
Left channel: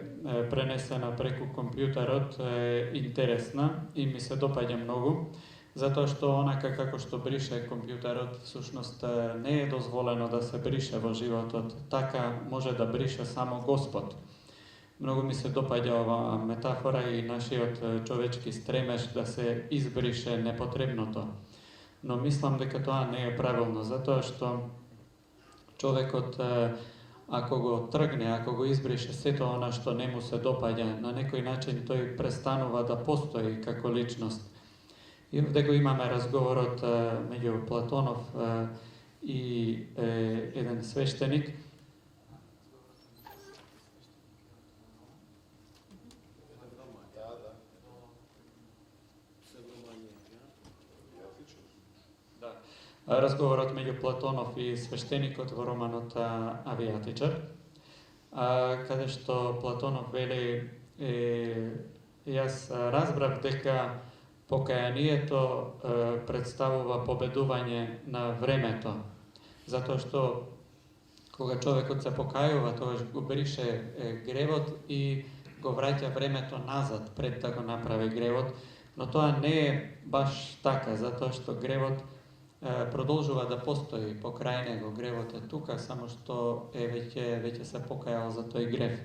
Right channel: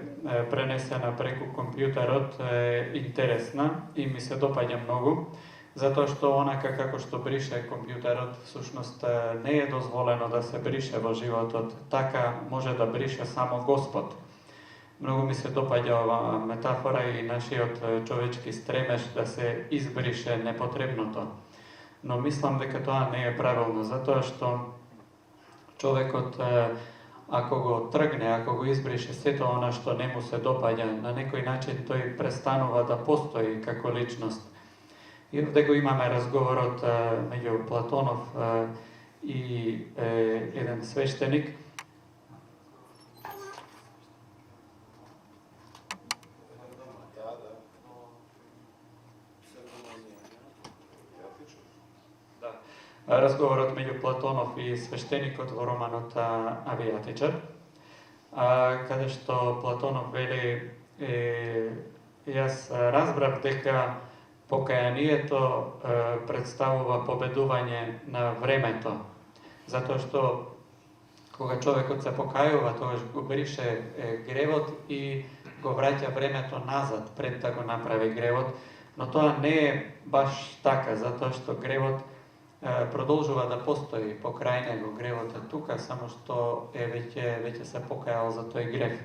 пренесена преку компјутерот е интересна и ми се допаѓа многу, затоа што онака како што брише компјутерот, всушност не е дозволено да се брише во животот, така може да брише само Господ. Многу ми се допаѓа ова метафора и нашиот човечки стремеж да се избрише непотребното. Но мислам дека тоа не е правилно, затоа што човекот ако го тргне, ако го избрише сето она што не му се допаѓа, на некој начин тој престанува да постои како личност. И овде го имаме разговорот меѓу Платонов и еден свештеник. Разговорот меѓу Платонов и свештеникот во романот Авијатичар, каде што Платонов вели, јас разбрав дека покаянието представува победување на времето, затоа што кога човекот се покајува, тогаш го брише гревот и го враќа времето назад пред да го направи гревот, но тоа не е баш така, затоа што гревот продолжува да постои покрај него, гревот е тука, само што веќе се покајал за тој грев.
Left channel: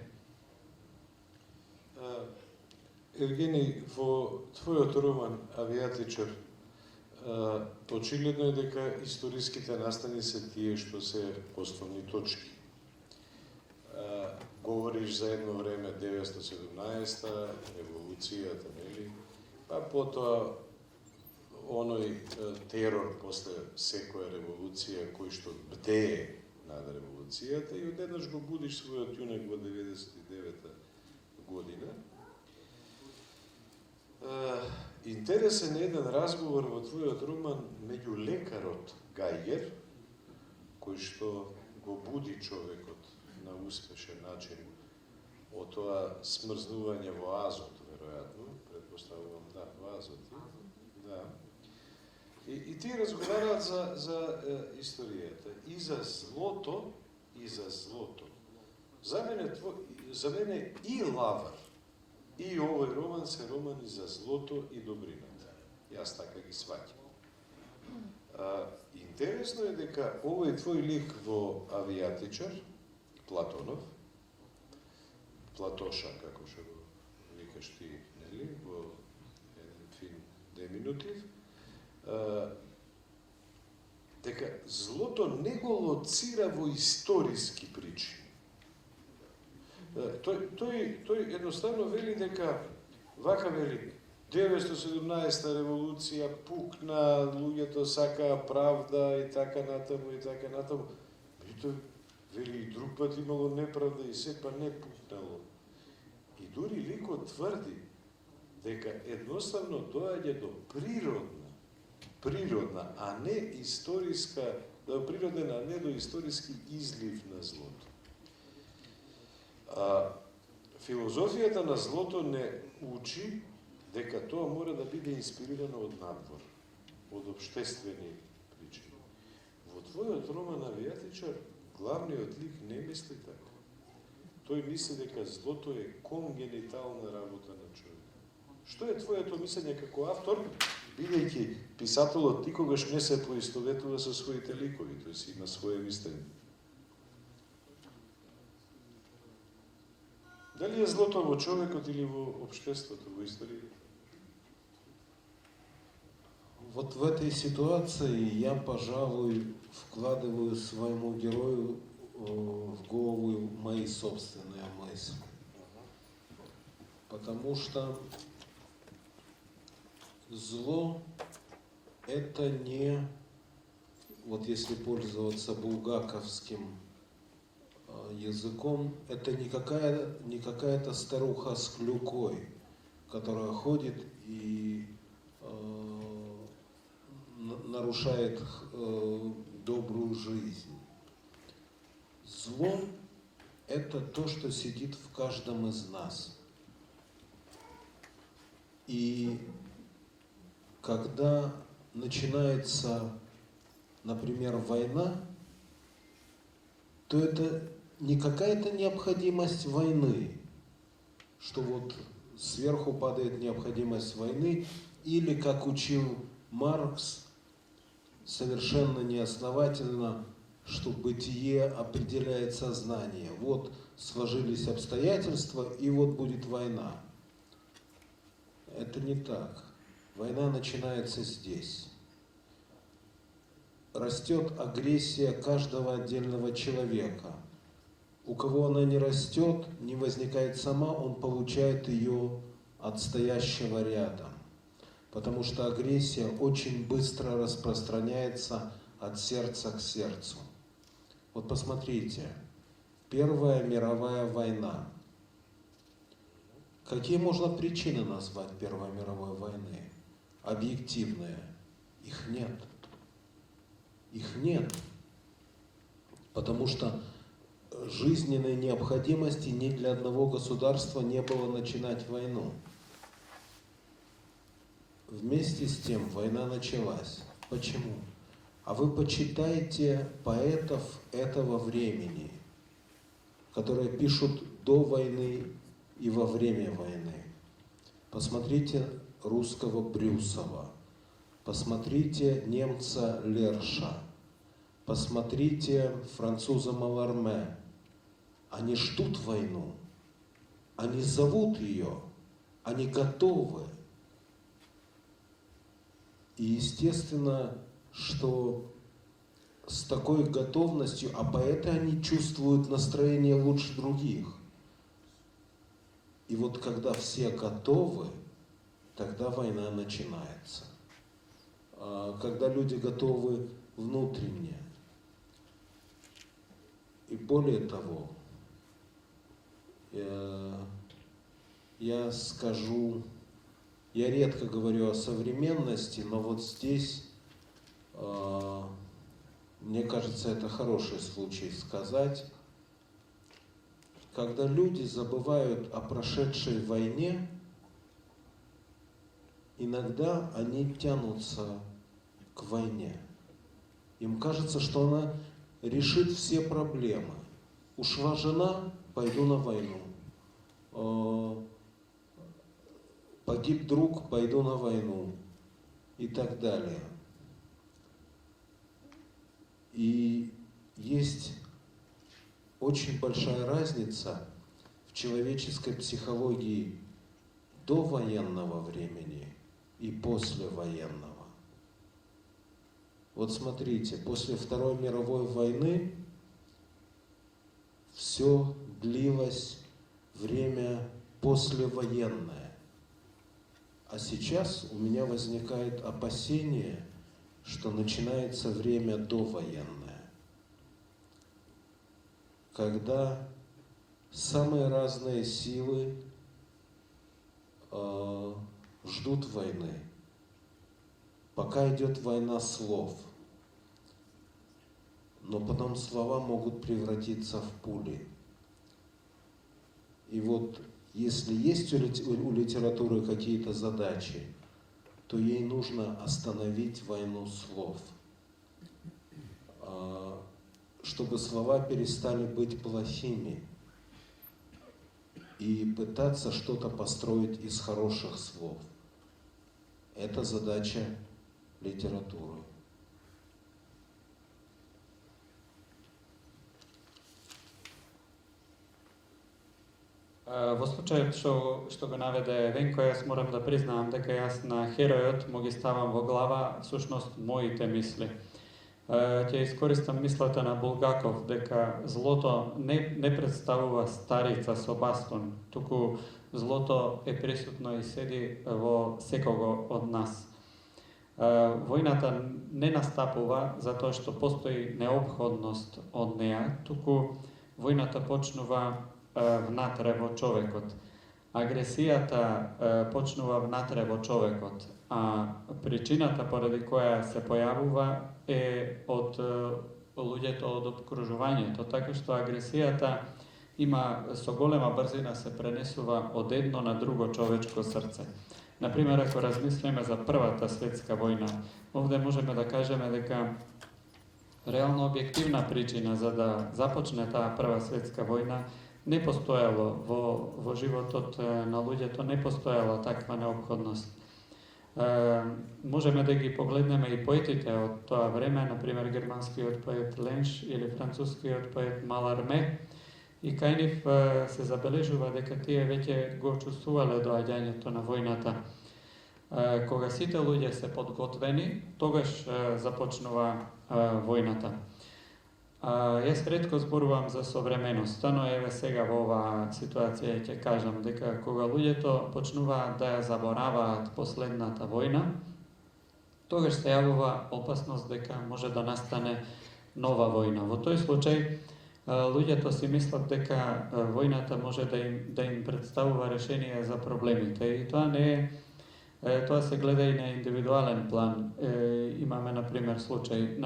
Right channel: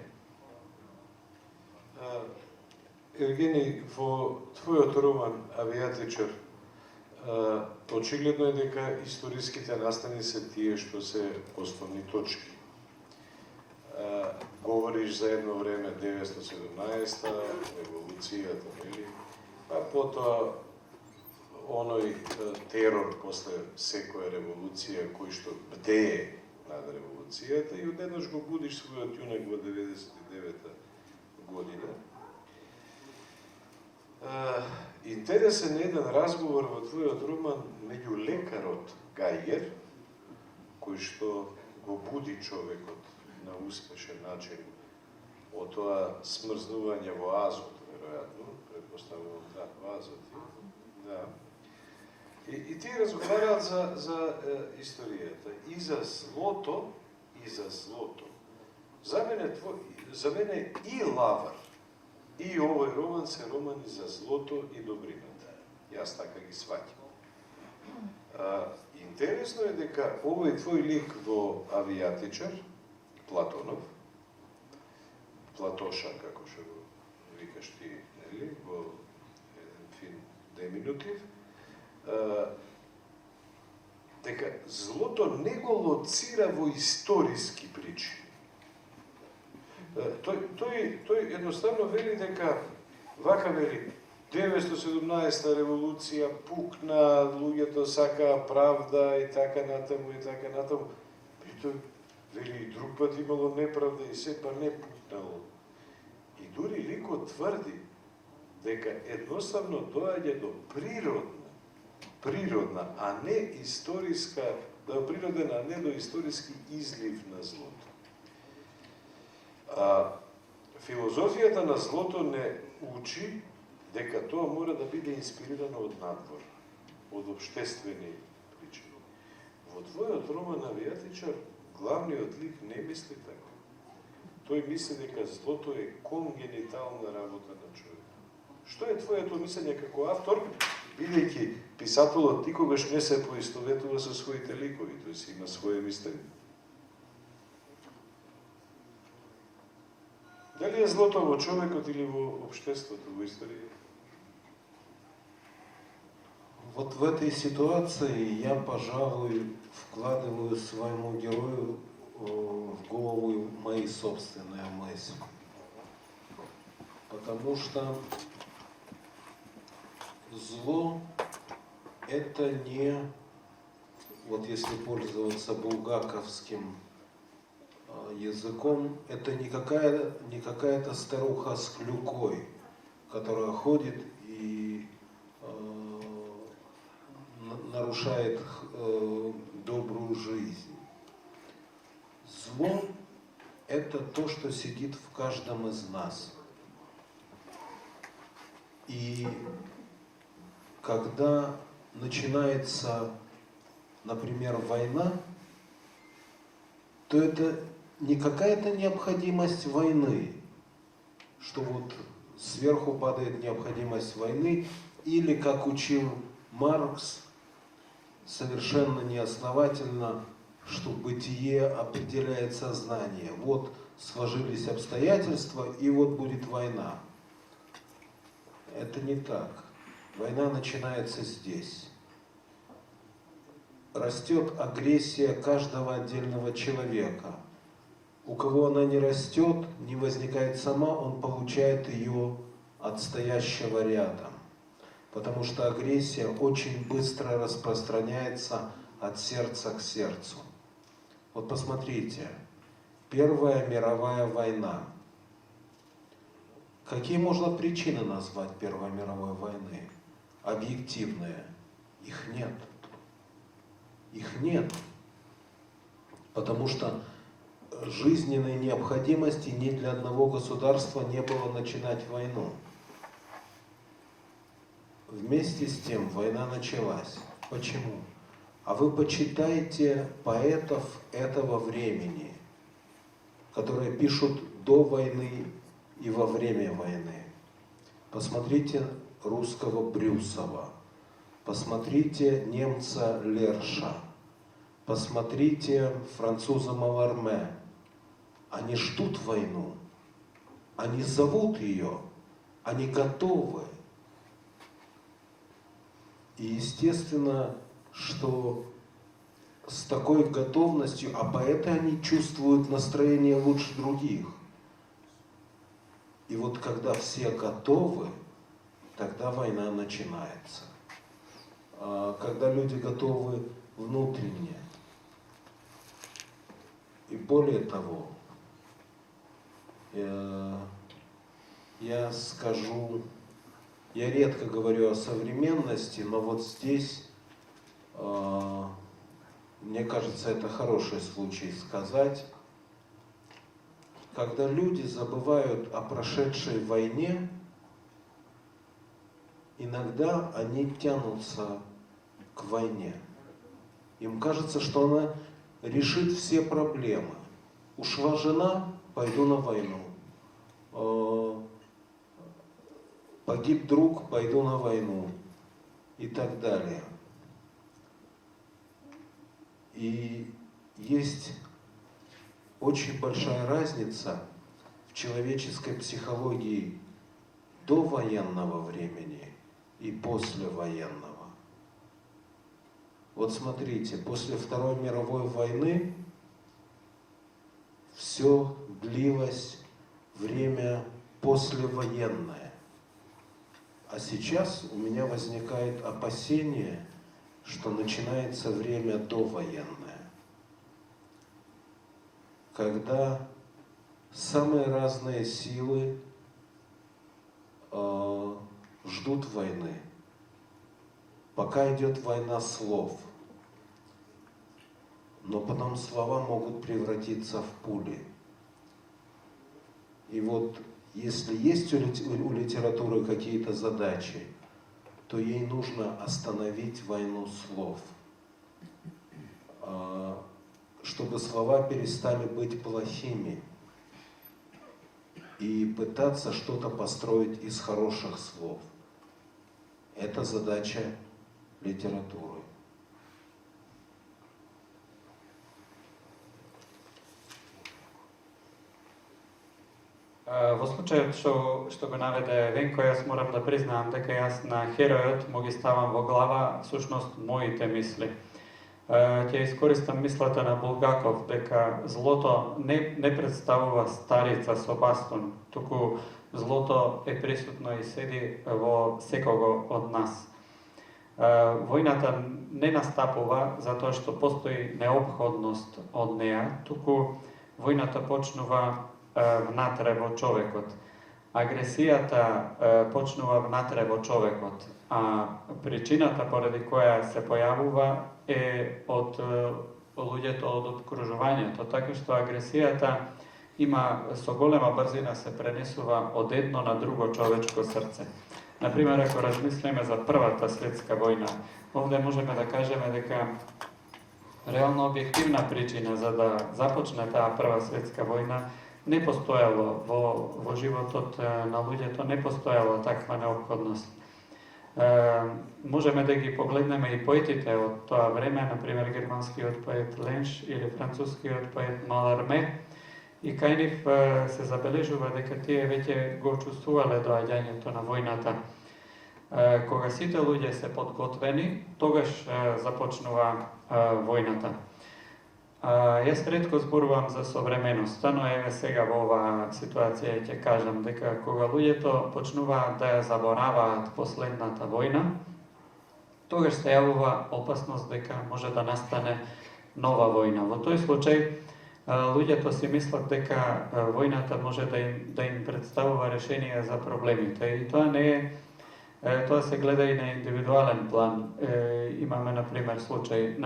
Евгений, во твојот роман Авијатичар, очигледно е дека историските настани се тие што се основни точки. говориш за едно време 917-та, револуцијата, нели? Па потоа оној терор после секоја револуција кој што бдее над револуцијата и одеднаш го будиш својот јунак во 99-та година. Интересен е еден разговор во твојот роман меѓу лекарот Гајгер, кој што го буди човекот на успешен начин од тоа смрзнување во азот, веројатно, предпоставувам, да, во азот. Да. И ти разговараат за историјата и за злото, и за злото. За мене и Лавар, и овој роман се романи за злото и добрината. Јас така ги сваќам. Интересно е дека овој твој лик во Авијатичар, Платонов, Платоша, како што го викаш ти, нели, во еден фин деминутив, дека злото не го лоцира во историски причини. Тој едноставно вели дека, вака вели, 917-та револуција пукна, луѓето сакаа правда и така натаму, и така натаму. Притоа, вели, и друг пат имало неправда и сепа не пукнало. И дури ликот тврди дека едноставно доаѓа до природна, а не историска, природен, а не до историски излив на злото. Филозофијата на злото не учи дека тоа мора да биде инспирирано од надвор, од обштествени причини. Во твојот роман Авијатичар, главниот лик не мисли така. Тој мисли дека злото е конгенитална работа на човек. Што е твоето мислење како автор, бидејќи писателот никогаш не се поистоветува со своите ликови, тој си има свое мислење? Дали е злото во човекот или во општеството, во историјата? Вот в этой ситуации я, пожалуй, вкладываю своему герою в голову мои собственные мысли. Потому что зло – это не, вот если пользоваться булгаковским языком, это не какая-то старуха с клюкой, которая ходит и нарушает добрую жизнь. Зло – это то, что сидит в каждом из нас. И когда начинается, например, война, то это не какая-то необходимость войны, что вот сверху падает необходимость войны, или, как учил Маркс, совершенно неосновательно, что бытие определяет сознание. Вот сложились обстоятельства, и вот будет война. Это не так. Война начинается здесь. Растет агрессия каждого отдельного человека. У кого она не растет, не возникает сама, он получает ее от стоящего рядом. Потому что агрессия очень быстро распространяется от сердца к сердцу. Вот посмотрите, Первая мировая война. Какие можно причины назвать Первой мировой войны? Объективные. Их нет. Их нет. Потому что жизненной необходимости ни для одного государства не было начинать войну. Вместе с тем война началась. Почему? А вы почитайте поэтов этого времени, которые пишут до войны и во время войны. Посмотрите русского Брюсова, посмотрите немца Лерша, посмотрите француза Маларме. Они ждут войну, они зовут ее, они готовы. И естественно, что с такой готовностью, а поэты, они чувствуют настроение лучше других. И вот когда все готовы, тогда война начинается. Когда люди готовы внутренне. И более того, я скажу, я редко говорю о современности, но вот здесь, мне кажется, это хороший случай сказать, когда люди забывают о прошедшей войне, иногда они тянутся к войне. Им кажется, что она решит все проблемы. Ушла жена, пойду на войну. Погиб друг, пойду на войну. И так далее. И есть очень большая разница в человеческой психологии до военного времени и после военного. Вот смотрите, после Второй мировой войны все длилось время послевоенное. А сейчас у меня возникает опасение, что начинается время довоенное, когда самые разные силы ждут войны. Пока идет война слов, но потом слова могут превратиться в пули. И вот если есть у литературы какие-то задачи, то ей нужно остановить войну слов, чтобы слова перестали быть плохими, и пытаться что-то построить из хороших слов. Это задача литературы. Во случајот што го наведе Венко, јас морам да признавам дека јас на херојот му ги ставам во глава всушност моите мисли. Ќе искористам мислата на Булгаков дека злото не представува старица со бастун, туку злото е присутно и седи во секого од нас. Војната не настапува затоа што постои неопходност од неа, туку војната почнува внатре во човекот. Агресијата почнува внатре во човекот, а причината поради која се појавува е од луѓето од обкружувањето, така што агресијата има со голема брзина се пренесува од едно на друго човечко срце. Например, ако размислиме за Првата светска војна, овде можеме да кажеме дека реално објективна причина за да започне таа Прва светска војна не постоело во животот на луѓето, не постоела таква неопходност. Можеме да ги погледнеме и поетите од тоа време, например германскиот поет Ленш или францускиот поет Маларме, и кај нив се забележува дека тие веќе го чувствувале доаѓањето на војната. Кога сите луѓе се подготвени, тогаш започнува војната. Јас ретко зборувам за современоста, но еве сега во оваа ситуација ќе кажам дека кога луѓето почнуваат да ја забораваат последната војна, тогаш се јавува опасност дека може да настане нова војна. Во тој случај луѓето си мислат дека војната може да им представува решение за проблемите, и тоа не е. Тоа се гледа и на индивидуален план. Имаме например случај,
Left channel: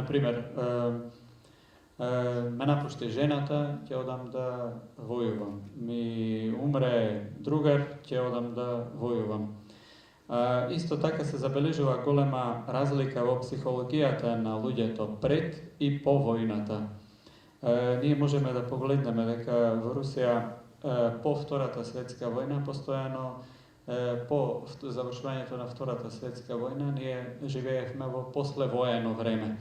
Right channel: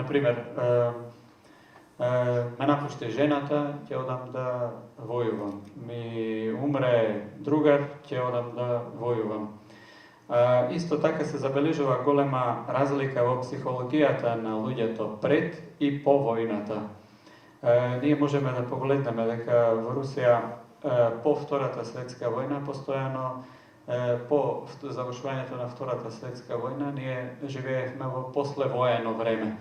ме напушти жената, ќе одам да војувам. Ми умре другар, ќе одам да војувам. Исто така се забележува голема разлика во психологијата на луѓето пред и по војната. Ние можеме да погледнеме дека во Русија по Втората светска војна постојано по завршувањето на Втората светска војна ние живеевме во послевоено време.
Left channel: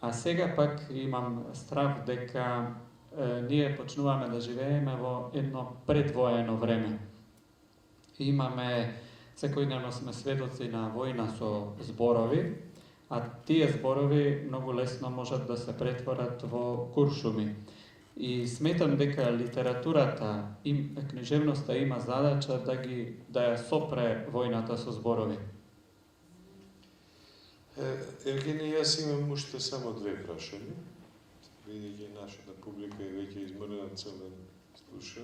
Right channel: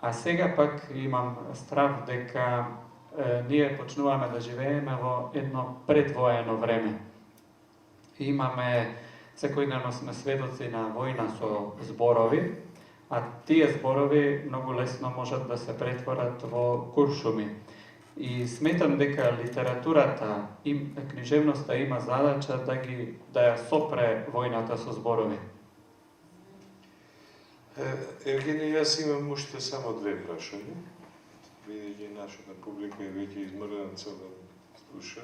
А сега пак имам страв дека ние почнуваме да живееме во едно предвоено време. Имаме, секојдневно сме сведоци на војна со зборови, a tie зборови многу лесно можат да се претворат во куршуми. И сметам дека литературата, книжевноста има задача да ја сопре војната со зборови. Евгений, јас имам уште само две прашања. Видејќи нашата публика е веќе изморена цел ден слуша.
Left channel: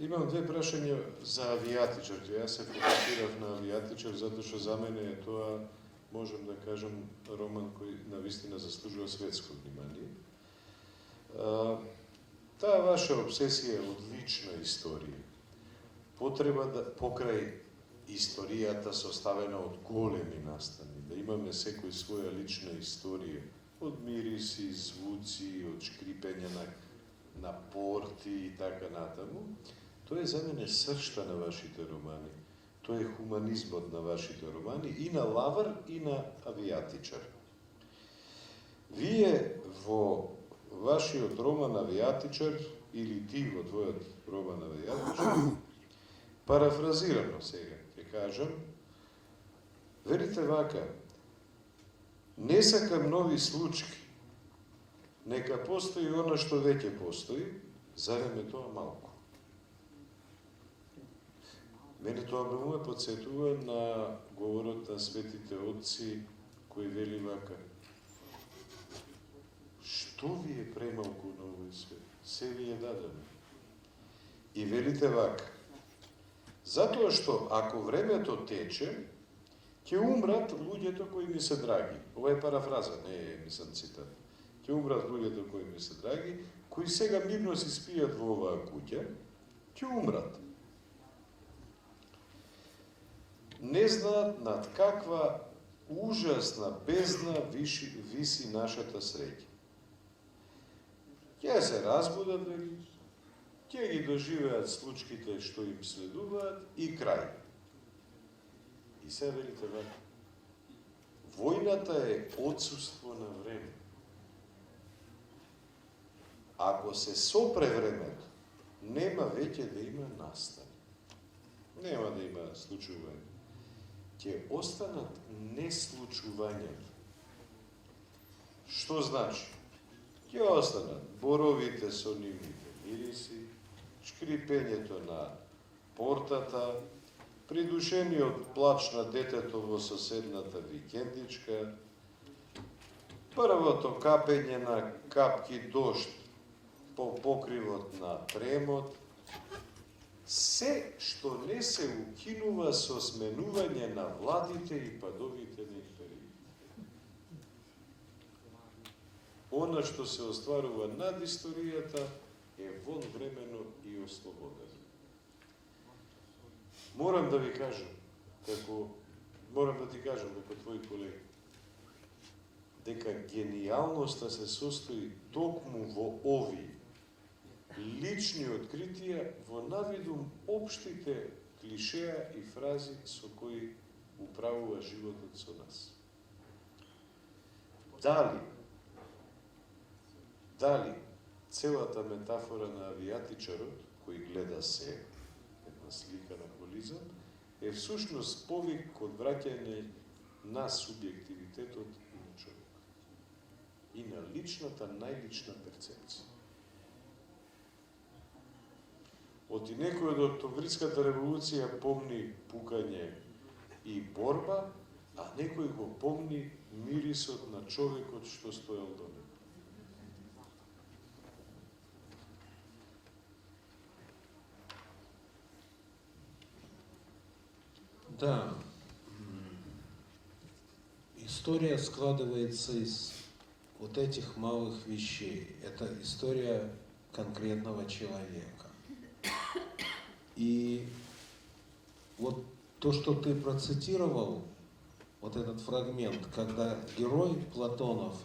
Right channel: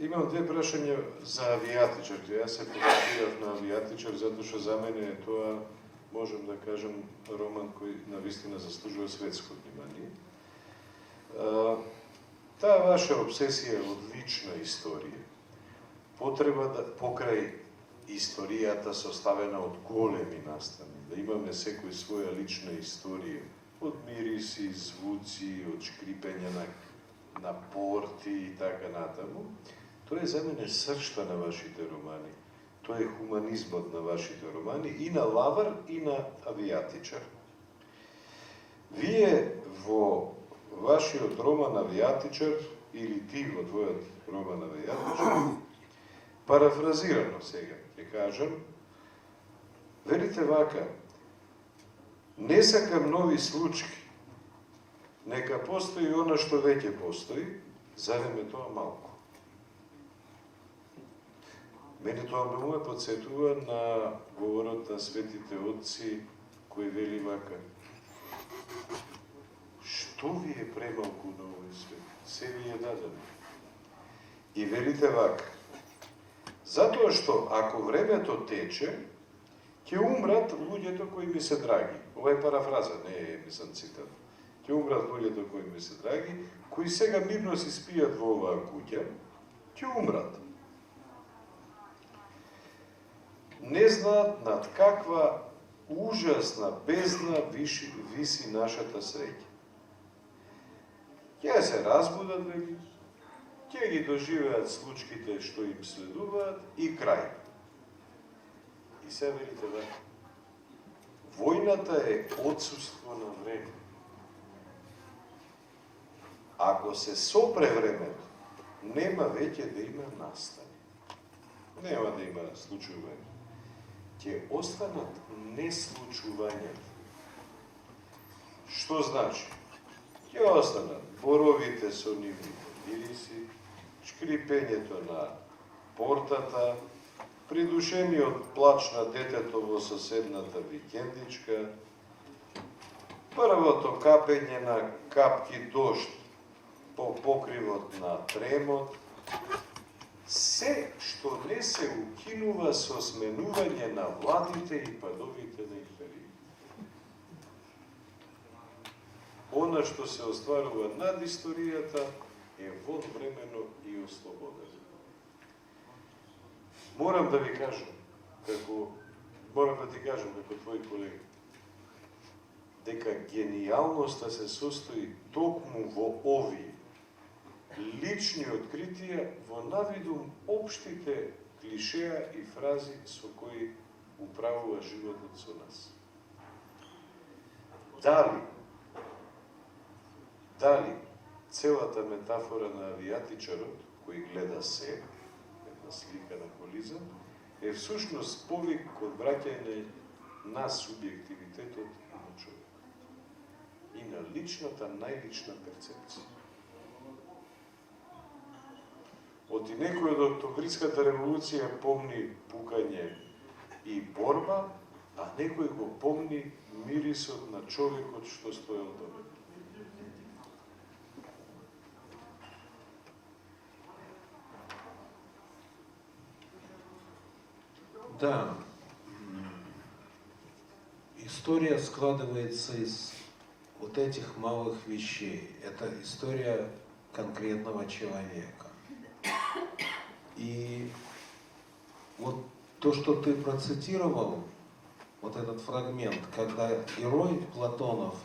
Имам две прашања за авијатичар. Јас се фокусирав на авијатичар затоа што за мене е тоа, можем да кажем, роман кој навистина заслужува светско внимание. Таа ваша обсесија од лична историја, потреба да покрај историјата составена од големи настани, да имаме секој своја лична историја, од мириси, звуци, од шкрипење на порти и така натаму. Тоа е за мене сршта на вашите романи. Тоа е хуманизмот на вашите романи, и на Лавар, и на Авијатичар. Вие во вашиот роман Авијатичар, или ти во твојот роман Авијатичар, парафразирано сега ќе кажам, велите вака: не сакам нови случки, нека постои она што веќе постои, зарем е тоа малку. Мене тоа ме подсетува на говорот на светите отци, кој вели вака: што ви е премалку на овој свет? Се ви е дадено. И велите вака: затоа што ако времето тече, ќе умрат луѓето кои ми се драги. Ова е парафраза, не е мислам цитат. Ќе умрат луѓето кои ми се драги, кои сега мирно си спијат во оваа куќа, ќе умрат. Не знаат над каква ужасна бездна виси нашата среќа. Ќе се разбудат, вели, ќе ги доживеат случките што им следуваат и крај. И се велите вака: војната е отсуство на време. Ако се сопре времето, нема веќе да има настани. Нема да има случување. Ќе останат неслучувањата. Што значи? Ќе останат боровите со нивните мириси, шкрипењето на портата, придушениот плач на детето во соседната викендичка, првото капење на капки дожд по покривот на тремот, се што не се укинува со сменување на владите и падовите на империите. Она што се остварува над историјата е вонвремено и ослободено. Морам да ти кажам како твој колега, дека генијалноста се состои токму во овие лични откритија, во навидум општите клишеа и фрази со кои управува животот со нас. Дали целата метафора на авијатичарот, кој гледа се, една слика на колиза, е всушност повик од враќање на субјективитетот на човек и на личната, најлична перцепција. Од и некој од Октомвриската револуција помни пукање и борба, а некој го помни мирисот на човекот што стоел до него. Да, история складывается из вот этих малых вещей. Это история конкретного человека. И вот то, что ты процитировал, вот этот фрагмент, когда герой Платонов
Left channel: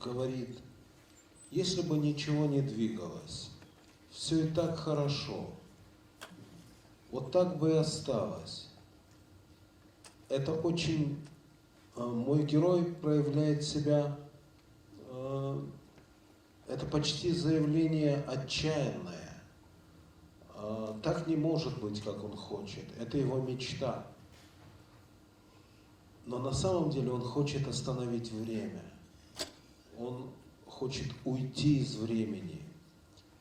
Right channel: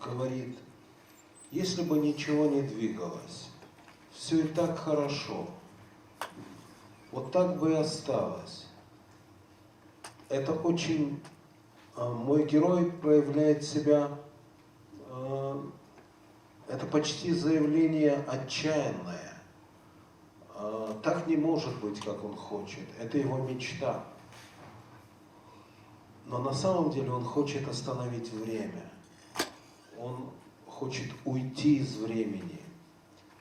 говорит: если бы ничего не двигалось, все и так хорошо, вот так бы и осталось. Это очень... Мой герой проявляет себя... Это почти заявление отчаянное. Так не может быть, как он хочет. Это его мечта. Но на самом деле он хочет остановить время. Он хочет уйти из времени.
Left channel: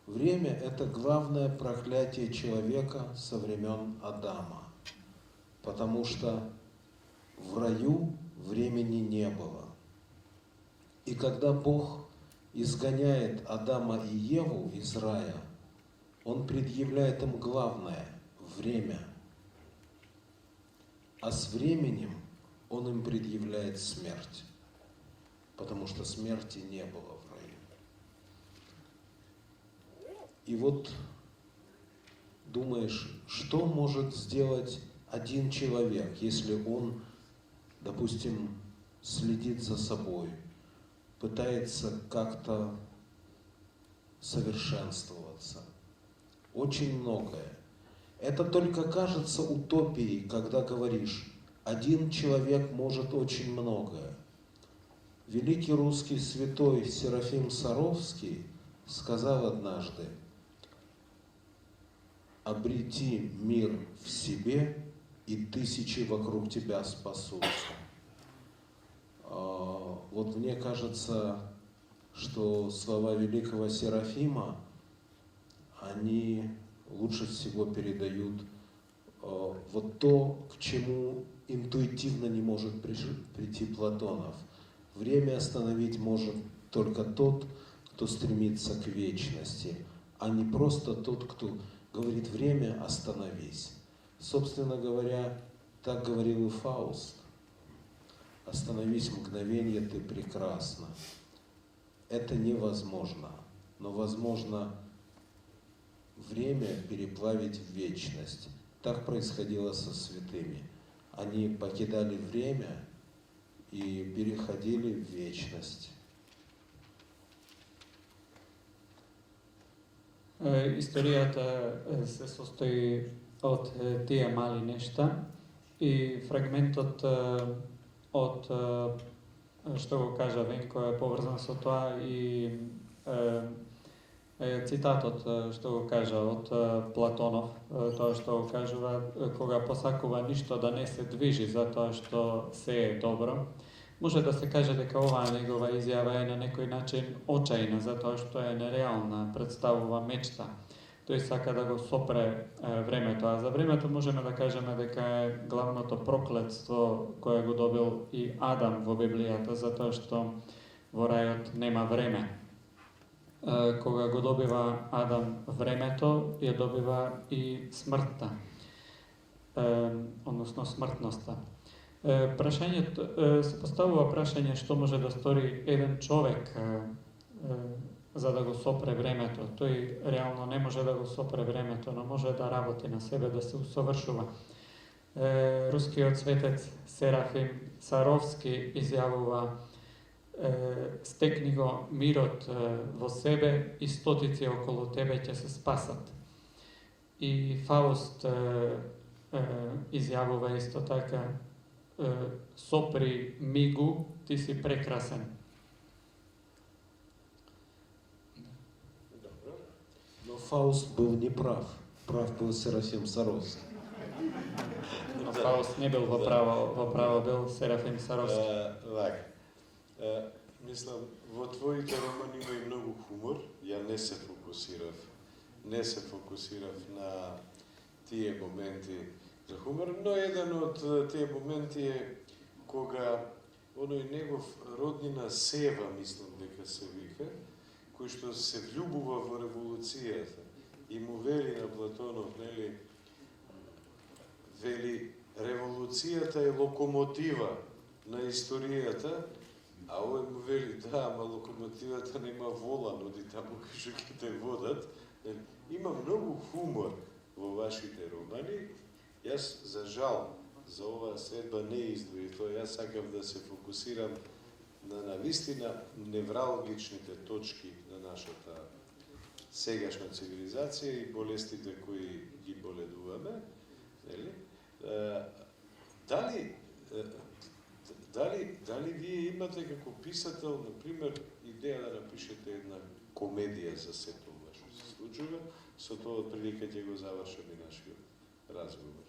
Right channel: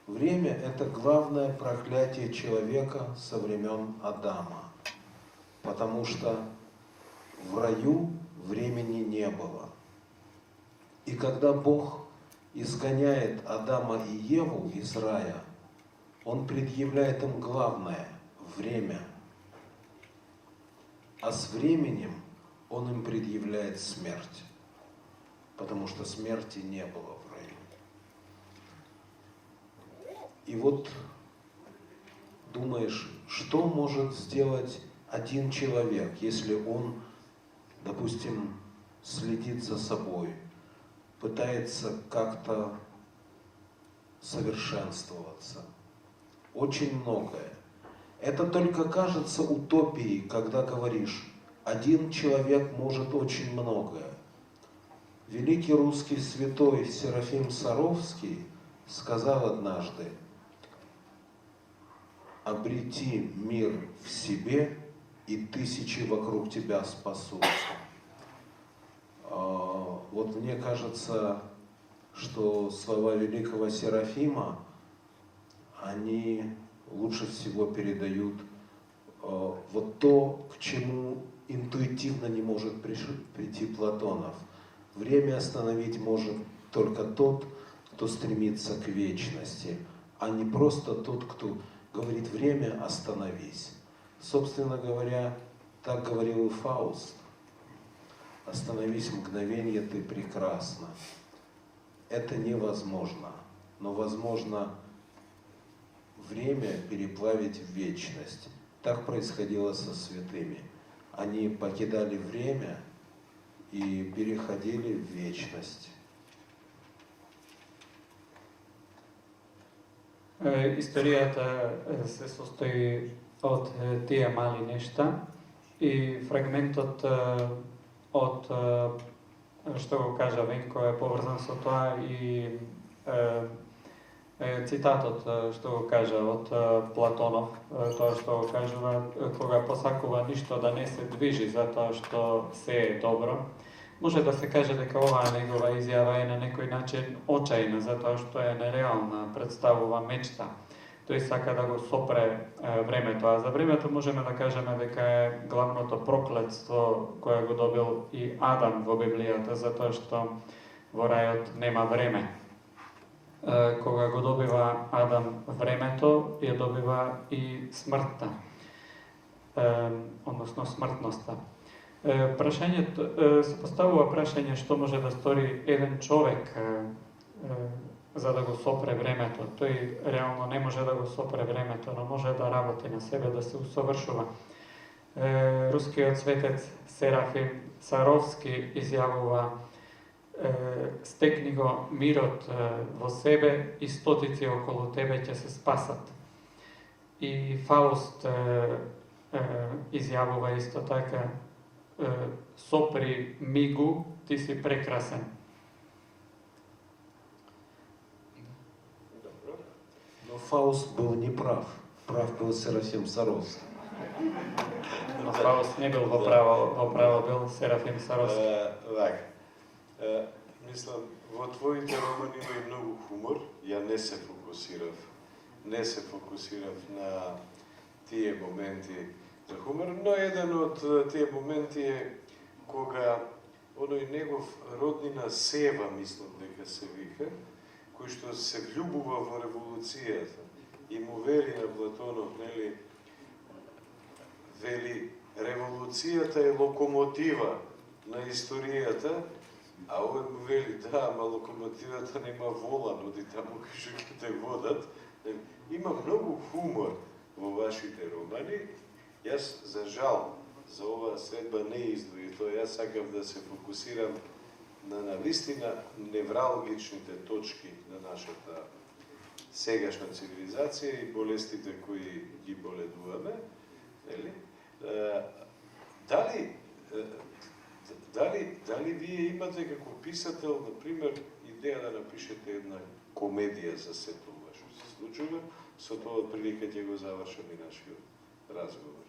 Время – это главное проклятие человека со времен Адама. Потому что в раю времени не было. И когда Бог изгоняет Адама и Еву из рая, Он предъявляет им главное – время. А с временем Он им предъявляет смерть, потому что смерти не было в раю. И вот думаешь, что может сделать один человек, если он, допустим, следит за собой, пытается как-то совершенствоваться. Очень многое. Это только кажется утопией, когда говоришь, один человек может очень многое. Великий русский святой Серафим Саровский сказал однажды: «Обрети мир в себе, и тысячи вокруг тебя спасутся». Вот мне кажется, что слова великого Серафима, они лучше всего передают вот то, к чему интуитивно не может прийти Платонов. Время остановить может только тот, кто стремится к вечности, а не просто тот, кто говорит: время, остановись. Собственно говоря, так говорил и Фауст. Остановись мгновенье, ты прекрасна. Это невозможно, но возможно время переплавить в вечность. Так происходило со святыми. Они покидали время и переходили в вечность. Историјата се состои од тие мали нешта и фрагментот од што го кажа Венко е поврзан со тоа и цитатот што го кажа од Платонов, тоа што го кажува кога посакува ништо да не се движи затоа што се е добро. Може да се каже дека оваа негова изјава е на некој начин очајна, затоа што е нереална, представува мечта. Тој сака да го сопре времето, а за времето можеме да кажеме дека е главното проклетство кое го добил и Адам во Библијата, затоа што во рајот нема време. Кога го добива Адам времето, ја добива и смртта, односно смртноста. Прашањето, се поставува прашање што може да стори еден човек за да го сопре времето. Тој реално не може да го сопре времето, но може да работи на себе, да се усовршува. Рускиот светец Серафим Саровски изјавува: стекни го мирот во себе и стотици околу тебе ќе се спасат. И Фауст изјавува исто така: сопри мигу, ти си прекрасен. Но Фауст был неправ. Прав был Серафим Саровский. Но Фауст не бил во право бил Серафим Саровски. Мислам, во твоите романи има и многу хумор. Ја не се фокусирав на тие моменти за хумор, но еден од тие моменти е кога оној негов роднина Сева, мислам дека се вика, кој што се влюбува во револуцијата и му вели на Платонов, нели, вели, револуцијата е локомотива на историјата, а овој му вели: да, ама локомотивата нема волан, оди таму кај ќе те водат. Има многу хумор во вашите романи. Јас, за жал, за оваа средба не издвои тоа. Јас сакам да се фокусирам на навистина невралгичните точки на нашата сегашна цивилизација и болестите кои ги боледуваме. Дали вие имате како писател, например, идеја да напишете една комедија за сето ова што се случува? Со тоа отприлика ќе го завршаме нашиот разговор.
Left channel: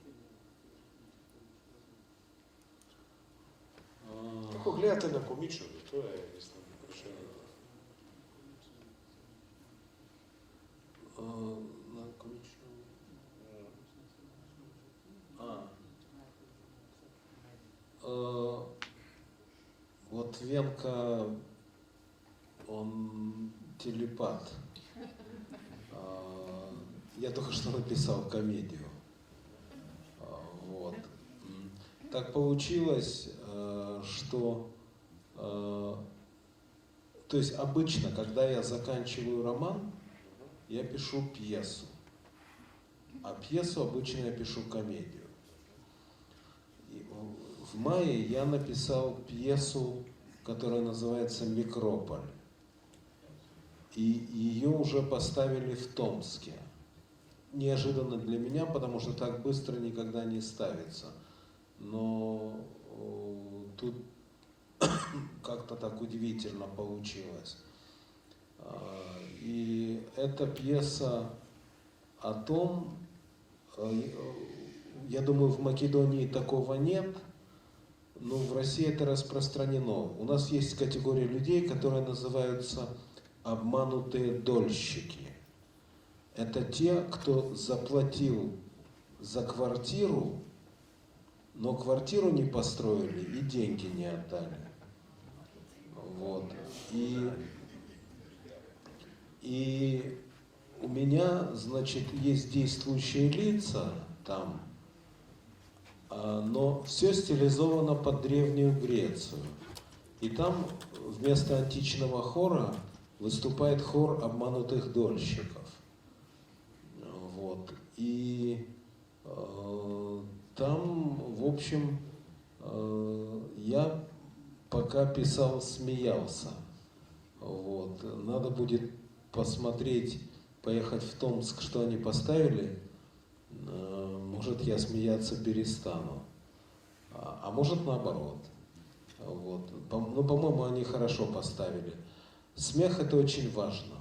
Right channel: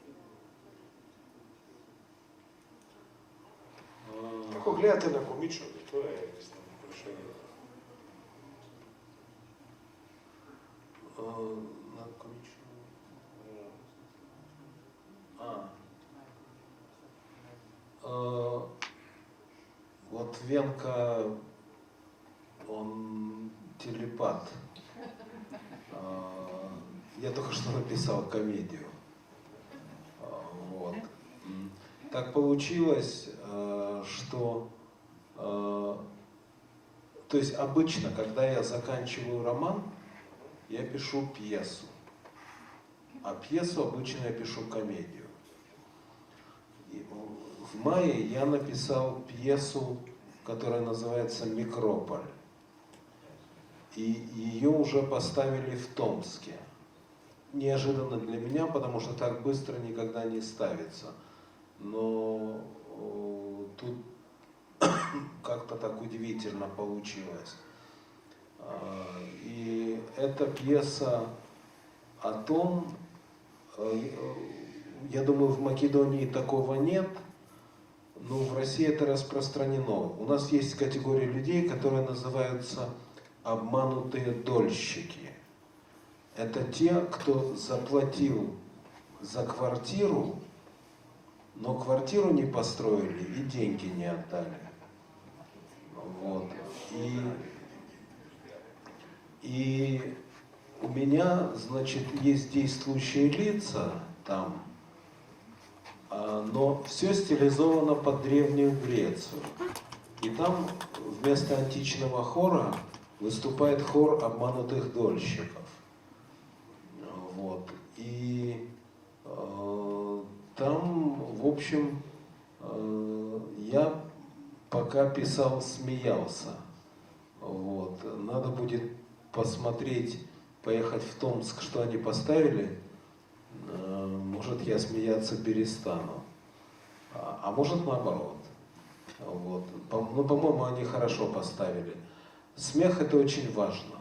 Како гледате на комичното? Тоа е, мислам, прашањето. На комично. Вот Венка, он телепат. Я только что написал комедию. Вот. Так получилось, что... То есть обычно, когда я заканчиваю роман, я пишу пьесу. А пьесу обычно я пишу комедию. И в мае я написал пьесу, которая называется «Микрополь». И ее уже поставили в Томске. Неожиданно для меня, потому что так быстро никогда не ставится. Но тут как-то так удивительно получилось. И эта пьеса о том, я думаю, в Македонии такого нет, но в России это распространено. У нас есть категория людей, которые называются обманутые дольщики. Это те, кто заплатил за квартиру, но квартиру не построили и деньги не отдали. Вот. И у меня, значит, есть действующие лица там, но все стилизовано под Древнюю Грецию. И там вместо античного хора выступает хор обманутых дольщиков. Вот. И там, в общем, я пока писал, смеялся. Вот. Надо будет посмотреть, поехать в Томск, что они поставили. Может, я смеяться перестану. А может, наоборот. Вот. Ну, по-моему, они хорошо поставили. Смех – это очень важно.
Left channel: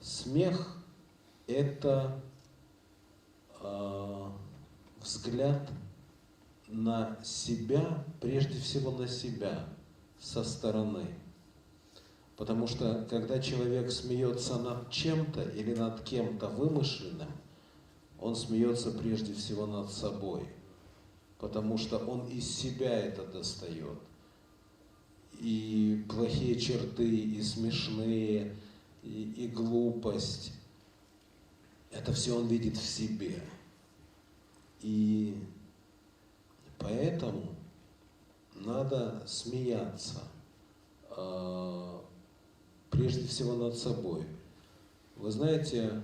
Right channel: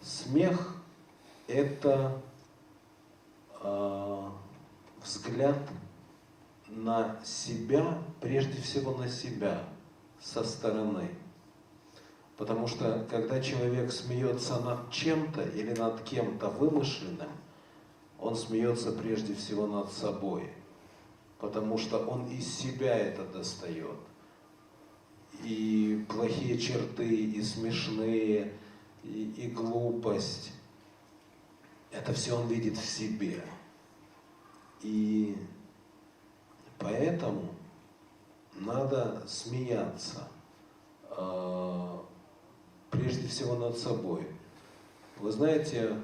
Смех – это взгляд на себя, прежде всего на себя, со стороны. Потому что, когда человек смеется над чем-то или над кем-то вымышленным, он смеется прежде всего над собой. Потому что он из себя это достает. И плохие черты, и смешные, и глупость. Это все он видит в себе. И поэтому надо смеяться. Прежде всего над собой. Вы знаете,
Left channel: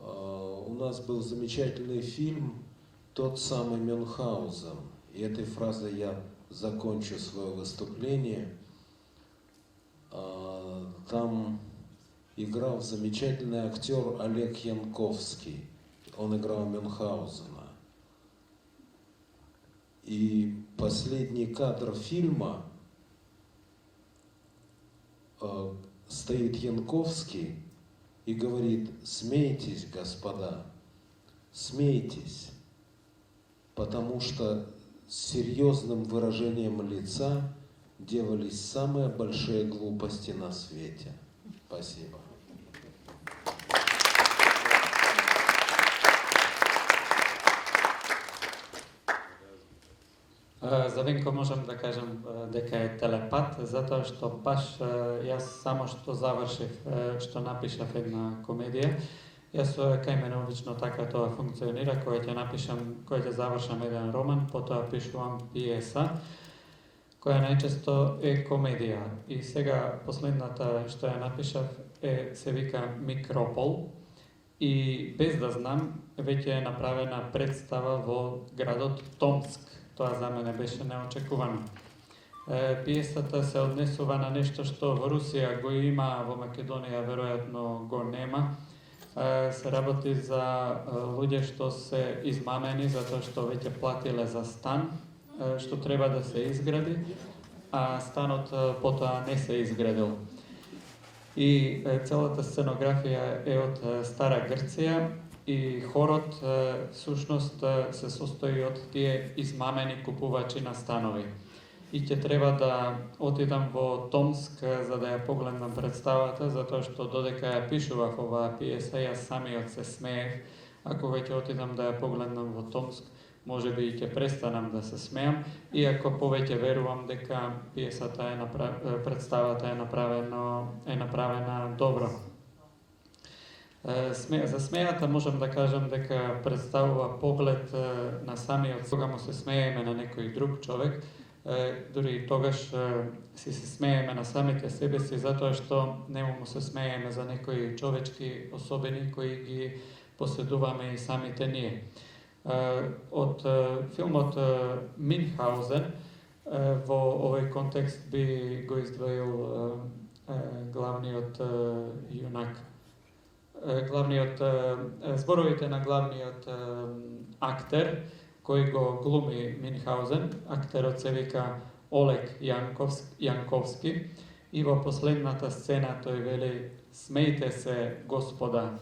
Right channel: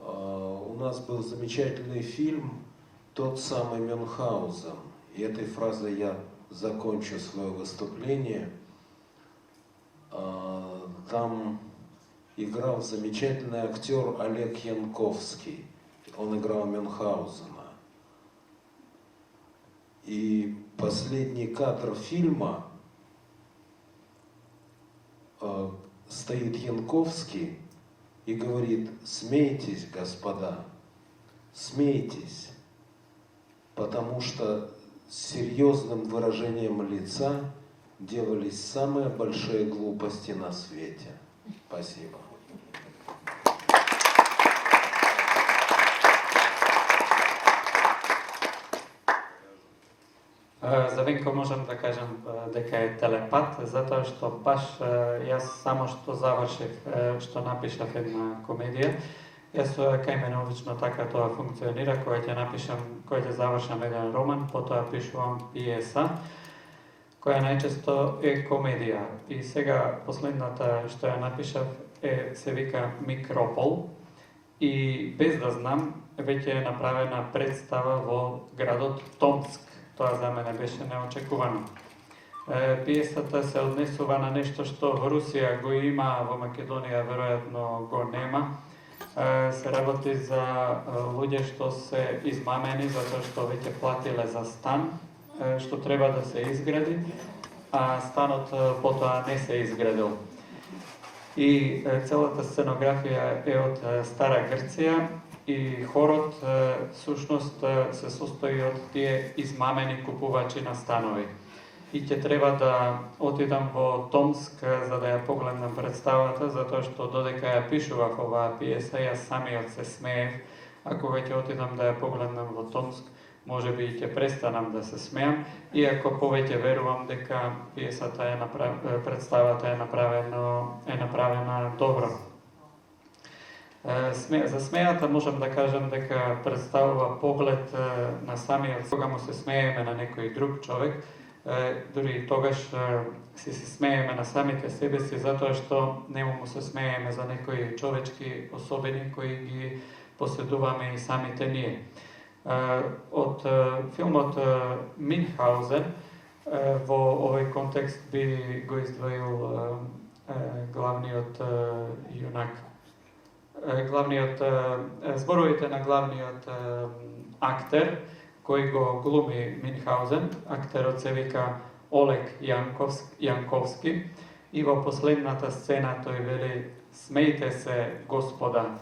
у нас был замечательный фильм «Тот самый Мюнхгаузен». И этой фразой я закончу свое выступление. Там играл замечательный актер Олег Янковский. Он играл Мюнхгаузена. И последний кадр фильма стоит Янковский и говорит: смейтесь, господа, смейтесь, потому что с серьезным выражением лица делались самые большие глупости на свете. Спасибо. За Винко можам да кажам дека е телепат, затоа што баш јас само што завршив, што напишав една комедија, јас кај мене обично така тоа функционира, кога ќе завршам еден роман, потоа пишувам пиеса, која најчесто е комедија. И сега последната што ја напишав се вика Микропол, и без да знам, веќе е направена представа во градот Томск. Тоа за мене беше неочекувано. Пиесата се однесува на нешто што во Русија го има, во Македонија веројатно го нема. Се работи за луѓе што се измамени затоа што веќе платиле за стан, што треба да се изгради, а станот потоа не се изградил. И целата сценографија е од Стара Грција И хорот сушност се состои од тие измамени купувачи на станови. И ќе треба да отидам во Томск за да ја погледнам представата, затоа што додека ја пишував оваа пиеса, јас самиот се смеев. А кога ќе отидам да ја погледнам во Томск, може би и ќе престанам да се смеам, иако повеќе верувам дека пиесата представата е направена добро. За смејата можам да кажам дека представува поглед на самиот, кога му се смееме на некој друг човек, дури и тогаш си се смееме на самите себе си, затоа што нему му се смееме за некои човечки особени кои ги поседуваме и самите ние. Од филмот Минхаузен во овој контекст би го издвоил главниот јунак. Зборовите на главниот актер кој го глуми Минхаузен, актерот се вика Олег Јанковски, и во последната сцена тој вели: "Смејте се, господа,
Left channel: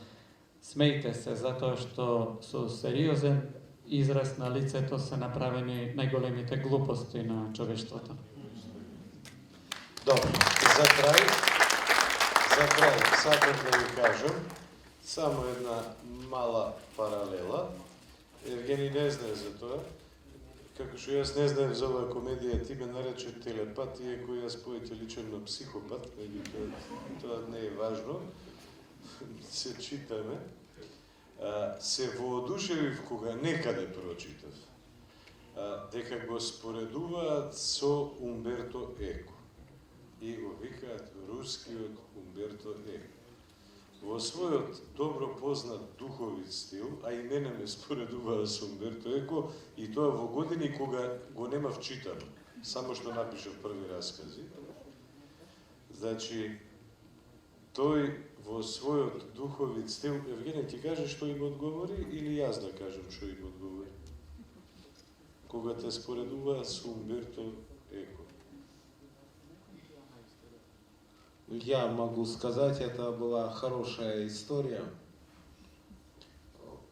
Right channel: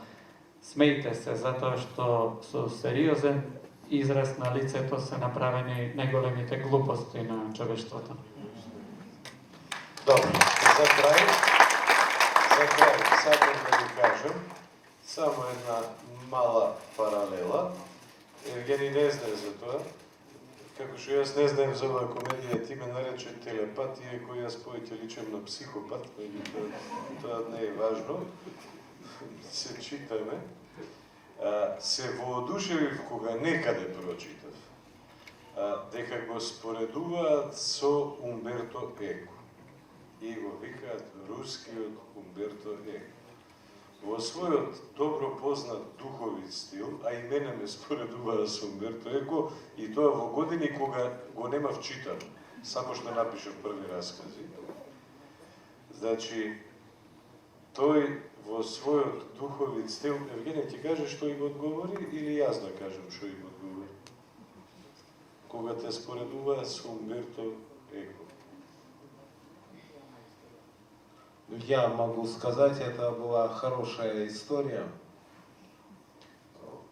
смејте се, затоа што со сериозен израз на лицето се направени најголемите глупости на човештвото." Добро, за крај сакам да ви кажам само една мала паралела. Евгений не знае за тоа, како што јас не знаем за оваа комедија, ти ме нарече телепат, иако јас повеќе личам на психопат, тоа не е важно, се читаме. Се воодушевив кога некаде прочитав дека го споредуваат со Умберто Еко и го викаат рускиот Умберто Еко. Во својот добро познат духовит стил, а и мене ме споредуваа со Умберто Еко, и тоа во години кога го немав читано, само што напишав први раскази. Значи, тој во својот духовит стил, Евгений, ти кажеш што им одговори или јас да кажам што им одговори? Кога те споредуваа со Умберто Еко. Я могу сказать, это была хорошая история.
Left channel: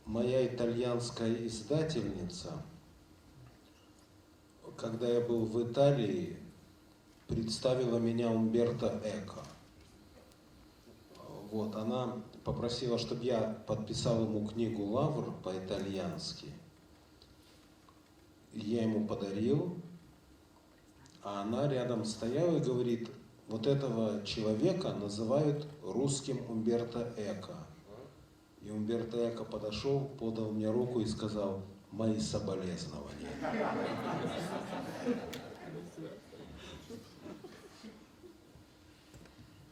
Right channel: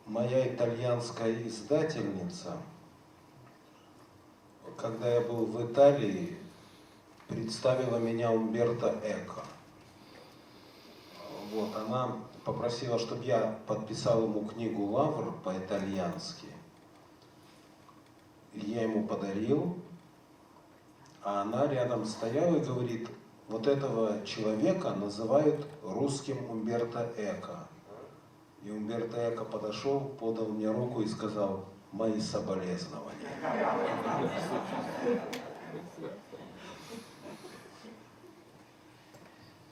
Моя итальянская издательница, когда я был в Италии, представила меня Умберто Эко. Вот, она попросила, чтобы я подписал ему книгу «Лавр» по-итальянски. Я ему подарил, а она рядом стояла и говорит: вот этого человека называют русским Умберто Эко. И Умберто Эко подошел, подал мне руку и сказал: мои соболезнования.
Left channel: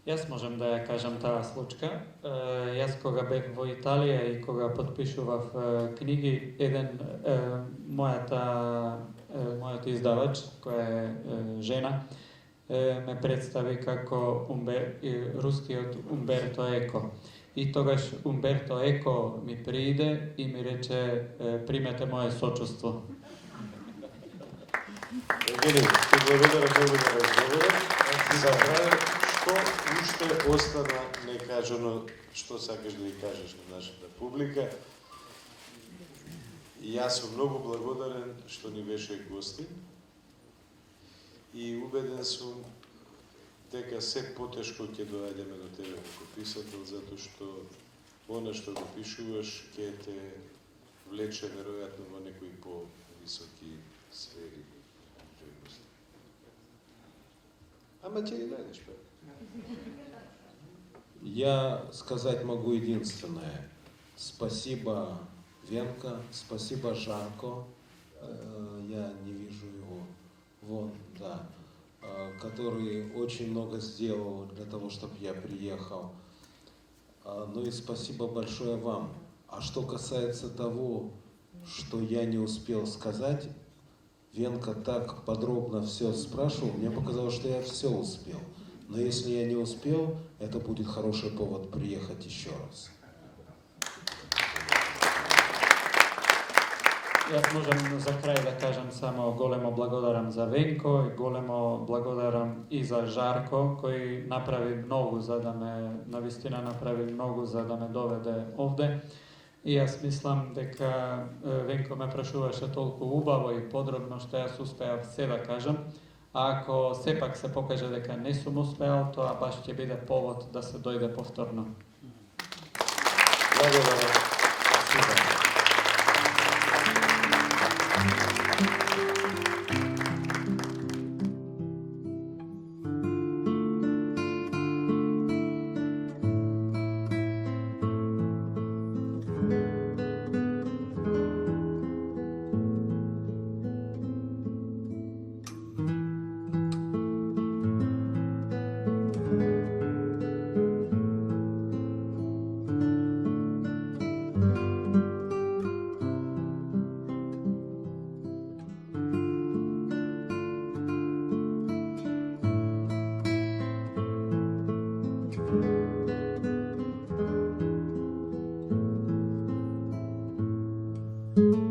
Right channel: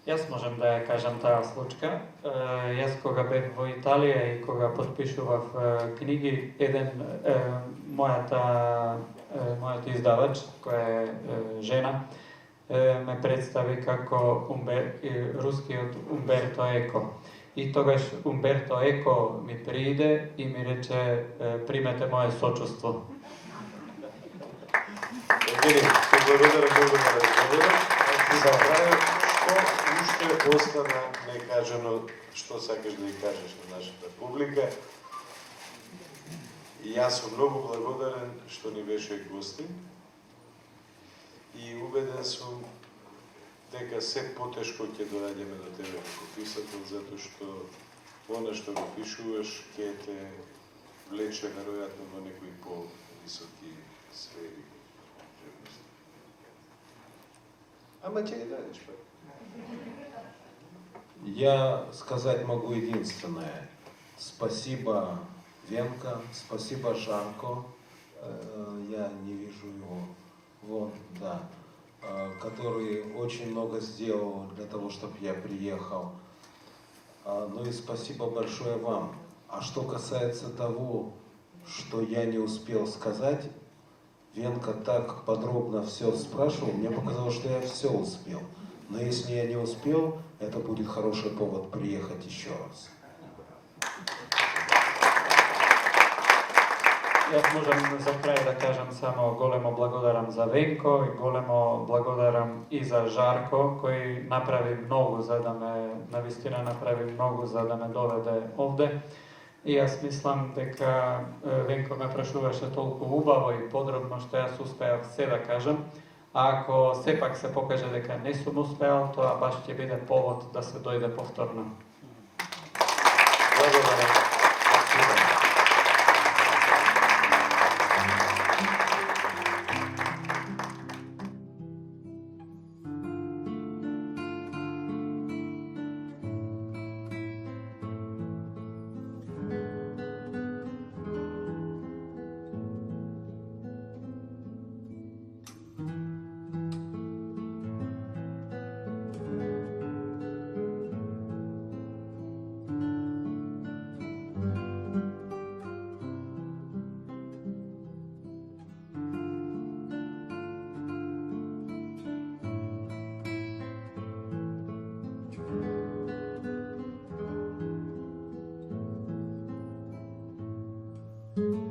Јас можем да ја кажам таа случка. Јас кога бев во Италија и кога подпишував книги, мојот издавач, која е жена, ме представи како рускиот Умберто Еко. И тогаш Умберто Еко ми прииде и ми рече: примете моје сочувство. Евгений, ти благодарам многу на разговорот. За крај, што уште остана некажано, што сакаш да ја кажеш на нашата публика? И јас сум многу благодарен што ни беше гостин и убеден сум дека се потешко ќе доаѓаме до тебе како писател, затоа што она што го пишуваш ќе те влече веројатно во некои по-високи сфери. Ама ќе не најдеш пак. Я сказать могу единственное. Спасибо, Венка, спасибо, Жанко. Я не вижу его. Вон, да. Который очень много сделал для того, чтобы я приехал. Ну и спасибо большое вам. А что касается того, что я не успел сказать, Венка так подробно все спрашивал, мне показалось, что я все успел. Но если я не успел, это будет хороший повод приехать еще раз. Јас можам за крај да кажам само големо благодарам за Венко и големо благодарам и за Жарко, кој направи многу за да ме, навистина направи многу за да ме доведе овде. И јас мислам дека Венко ме прашуваше толку убаво и подробно што јас успеав се да кажам. А ако сепак се покаже дека не сум успеал, тоа баш ќе биде повод да се дојде повторно. Благодарам. Thank